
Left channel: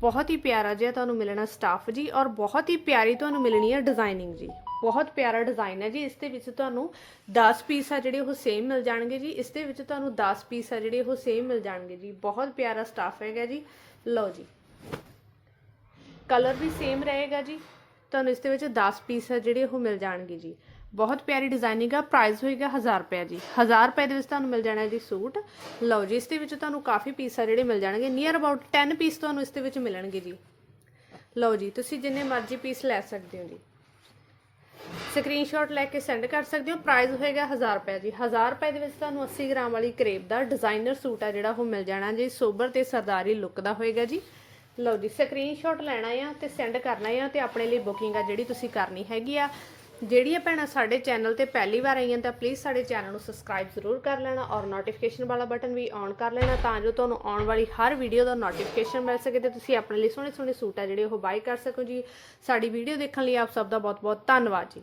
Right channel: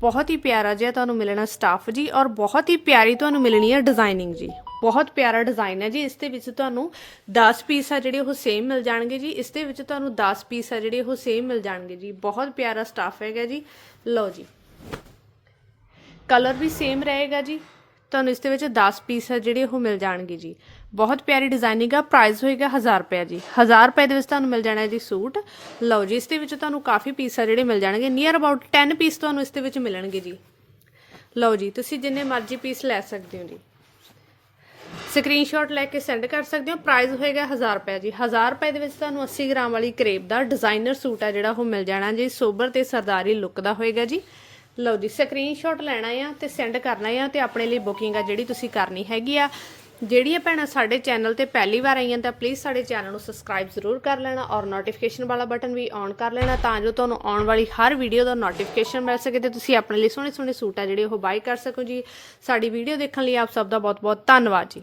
Speaker 1: ਬਹੁਤ ਹੀ ਪਿਆਰਾ ਜਿਹਾ ਤੁਹਾਨੂੰ ਮਿਲਣਾ ਸਟਾਫ ਜੀ ਔਰ ਬਹੁਤ ਹੀ ਪਿਆਰੀ ਤੁਹਾਨੂੰ ਮਿਲਣੀ ਹੈ ਡਿਜ਼ਾਈਨਿੰਗ ਜੀ। ਬਹੁਤ ਪਿਆਰਾ ਡਿਜ਼ਾਈਨ ਹੈ ਜੀ। ਇਸ ਦੇ ਵਿੱਚ ਤੁਹਾਨੂੰ 10 ਪੀਸ ਆ ਜਿਹੜੇ ਉਹ ਸੇਮ ਮਿਲ ਜਾਣਗੇ ਜੀ। ਇਸ ਦੇ ਵਿੱਚ ਤੁਹਾਨੂੰ 10 ਪੀਸ ਆ ਜਿਹੜੇ ਉਹ ਸੇਮ ਮਿਲ ਜਾਣਗੇ ਜੀ। ਬਹੁਤ ਪਿਆਰਾ ਸਟਾਫ ਹੈਗਾ ਜੀ। ਲਓ ਜੀ। ਕਲਰ ਵੀ ਸੇਮ ਰਹੇਗਾ ਜੀ। ਤੁਹਾਨੂੰ ਇਸ ਦੇ ਵਿੱਚ 10 ਪੀਸ ਆ ਜਿਹੜੇ ਉਹ ਮਿਲ ਜਾਣਗੇ ਜੀ। ਬਹੁਤ ਪਿਆਰੀ ਡਿਜ਼ਾਈਨਿੰਗ ਆ ਪ੍ਰਾਈਸ ਹੋਏਗਾ 1000 ਰੁਪਏ ਜੀ। 1000 ਰੁਪਏ ਦੇ ਵਿੱਚ ਤੁਹਾਨੂੰ ਮਿਲ ਜਾਣਾ ਜੀ ਸੂਟ। ਲਓ ਜੀ, ਇਸ ਦੇ ਵਿੱਚ ਤੁਹਾਨੂੰ ਕਾਫੀ ਪੀਸ ਆ ਜਿਹੜੇ ਮਿਲ ਜਾਣਗੇ। ਨੀਅਰ ਅਬਾਊਟ 10 ਪੀਸ ਤੁਹਾਨੂੰ ਇਸ ਦੇ ਵਿੱਚ ਮਿਲਣਗੇ ਜੀ। ਲਓ ਜੀ, ਤੁਸੀਂ ਜਿੰਨੇ ਮਰਜ਼ੀ ਪੀਸ ਲੈ ਸਕਦੇ ਹੋ ਜੀ। ਸਕਰੀਨਸ਼ਾਟ ਲੈ ਕੇ ਸੈਂਡ ਕਰ ਸਕਦੇ ਹੋ। ਪ੍ਰਾਈਸ ਹੋਏਗਾ 1000 ਰੁਪਏ ਜੀ। 1000 ਰੁਪਏ ਦੇ ਵਿੱਚ ਤੁਹਾਨੂੰ 80 ਗ੍ਰਾਮ ਵਾਲੀ ਕਰੇਪ ਦਾ ਡਿਜ਼ਾਈਨਰ ਸੂਟ ਆ ਜਿਹੜਾ ਉਹ ਮਿਲ ਜਾਣਾ ਜੀ। ਸੋਬਰ ਤੇ ਸਰਦਾਰੀ ਲੁੱਕ ਦਾ ਹੋਏਗਾ ਜੀ। ਲਓ ਜੀ ਸਕਰੀਨਸ਼ਾਟ ਲੈਣਾ ਆ ਤੇ ਸੈਂਡ ਕਰਨਾ ਆ ਤੇ ਆਪਣੇ ਲਈ ਬੁਕਿੰਗ ਆ ਜਿਹੜੀ ਤੁਸੀਂ ਕਰਨੀ ਹੈਗੀ ਆ। ਜਿਹੜੀਆਂ ਭੈਣਾਂ ਸਾਡੇ ਚੈਨਲ ਤੇ ਪਹਿਲੀ ਵਾਰ ਆਈਆਂ ਤਾਂ ਪਲੀਜ਼ ਸਾਡੇ ਚੈਨਲ ਨੂੰ ਸਬਸਕ੍ਰਾਈਬ ਜ਼ਰੂਰ ਕਰ ਲੈਣਾ ਔਰ ਨੋਟੀਫਿਕੇਸ਼ਨ ਵਾਲਾ ਬਟਨ ਵੀ ਔਨ ਕਰ ਲੈਣਾ ਤਾਂ ਜੋ ਤੁਹਾਨੂੰ ਆਉਣ ਵਾਲੀ ਹਰ ਵੀਡੀਓ ਦਾ ਨੋਟੀਫਿਕੇਸ਼ਨ ਮਿਲ ਸਕੇ ਤੇ ਤੁਸੀਂ ਆਪਣੇ ਲਈ ਸੋਹਣੇ ਸੋਹਣੇ ਸੂਟ ਆ ਜਿਹੜੇ ਉਹ ਬਾਈ ਕਰ ਸਕੋ ਜੀ। ਸਾਡੀ ਵੀਡੀਓ ਦੇਖਣ ਲਈ ਆਪ ਸਭ ਦਾ ਬਹੁਤ ਬਹੁਤ ਧੰਨਵਾਦ ਜੀ।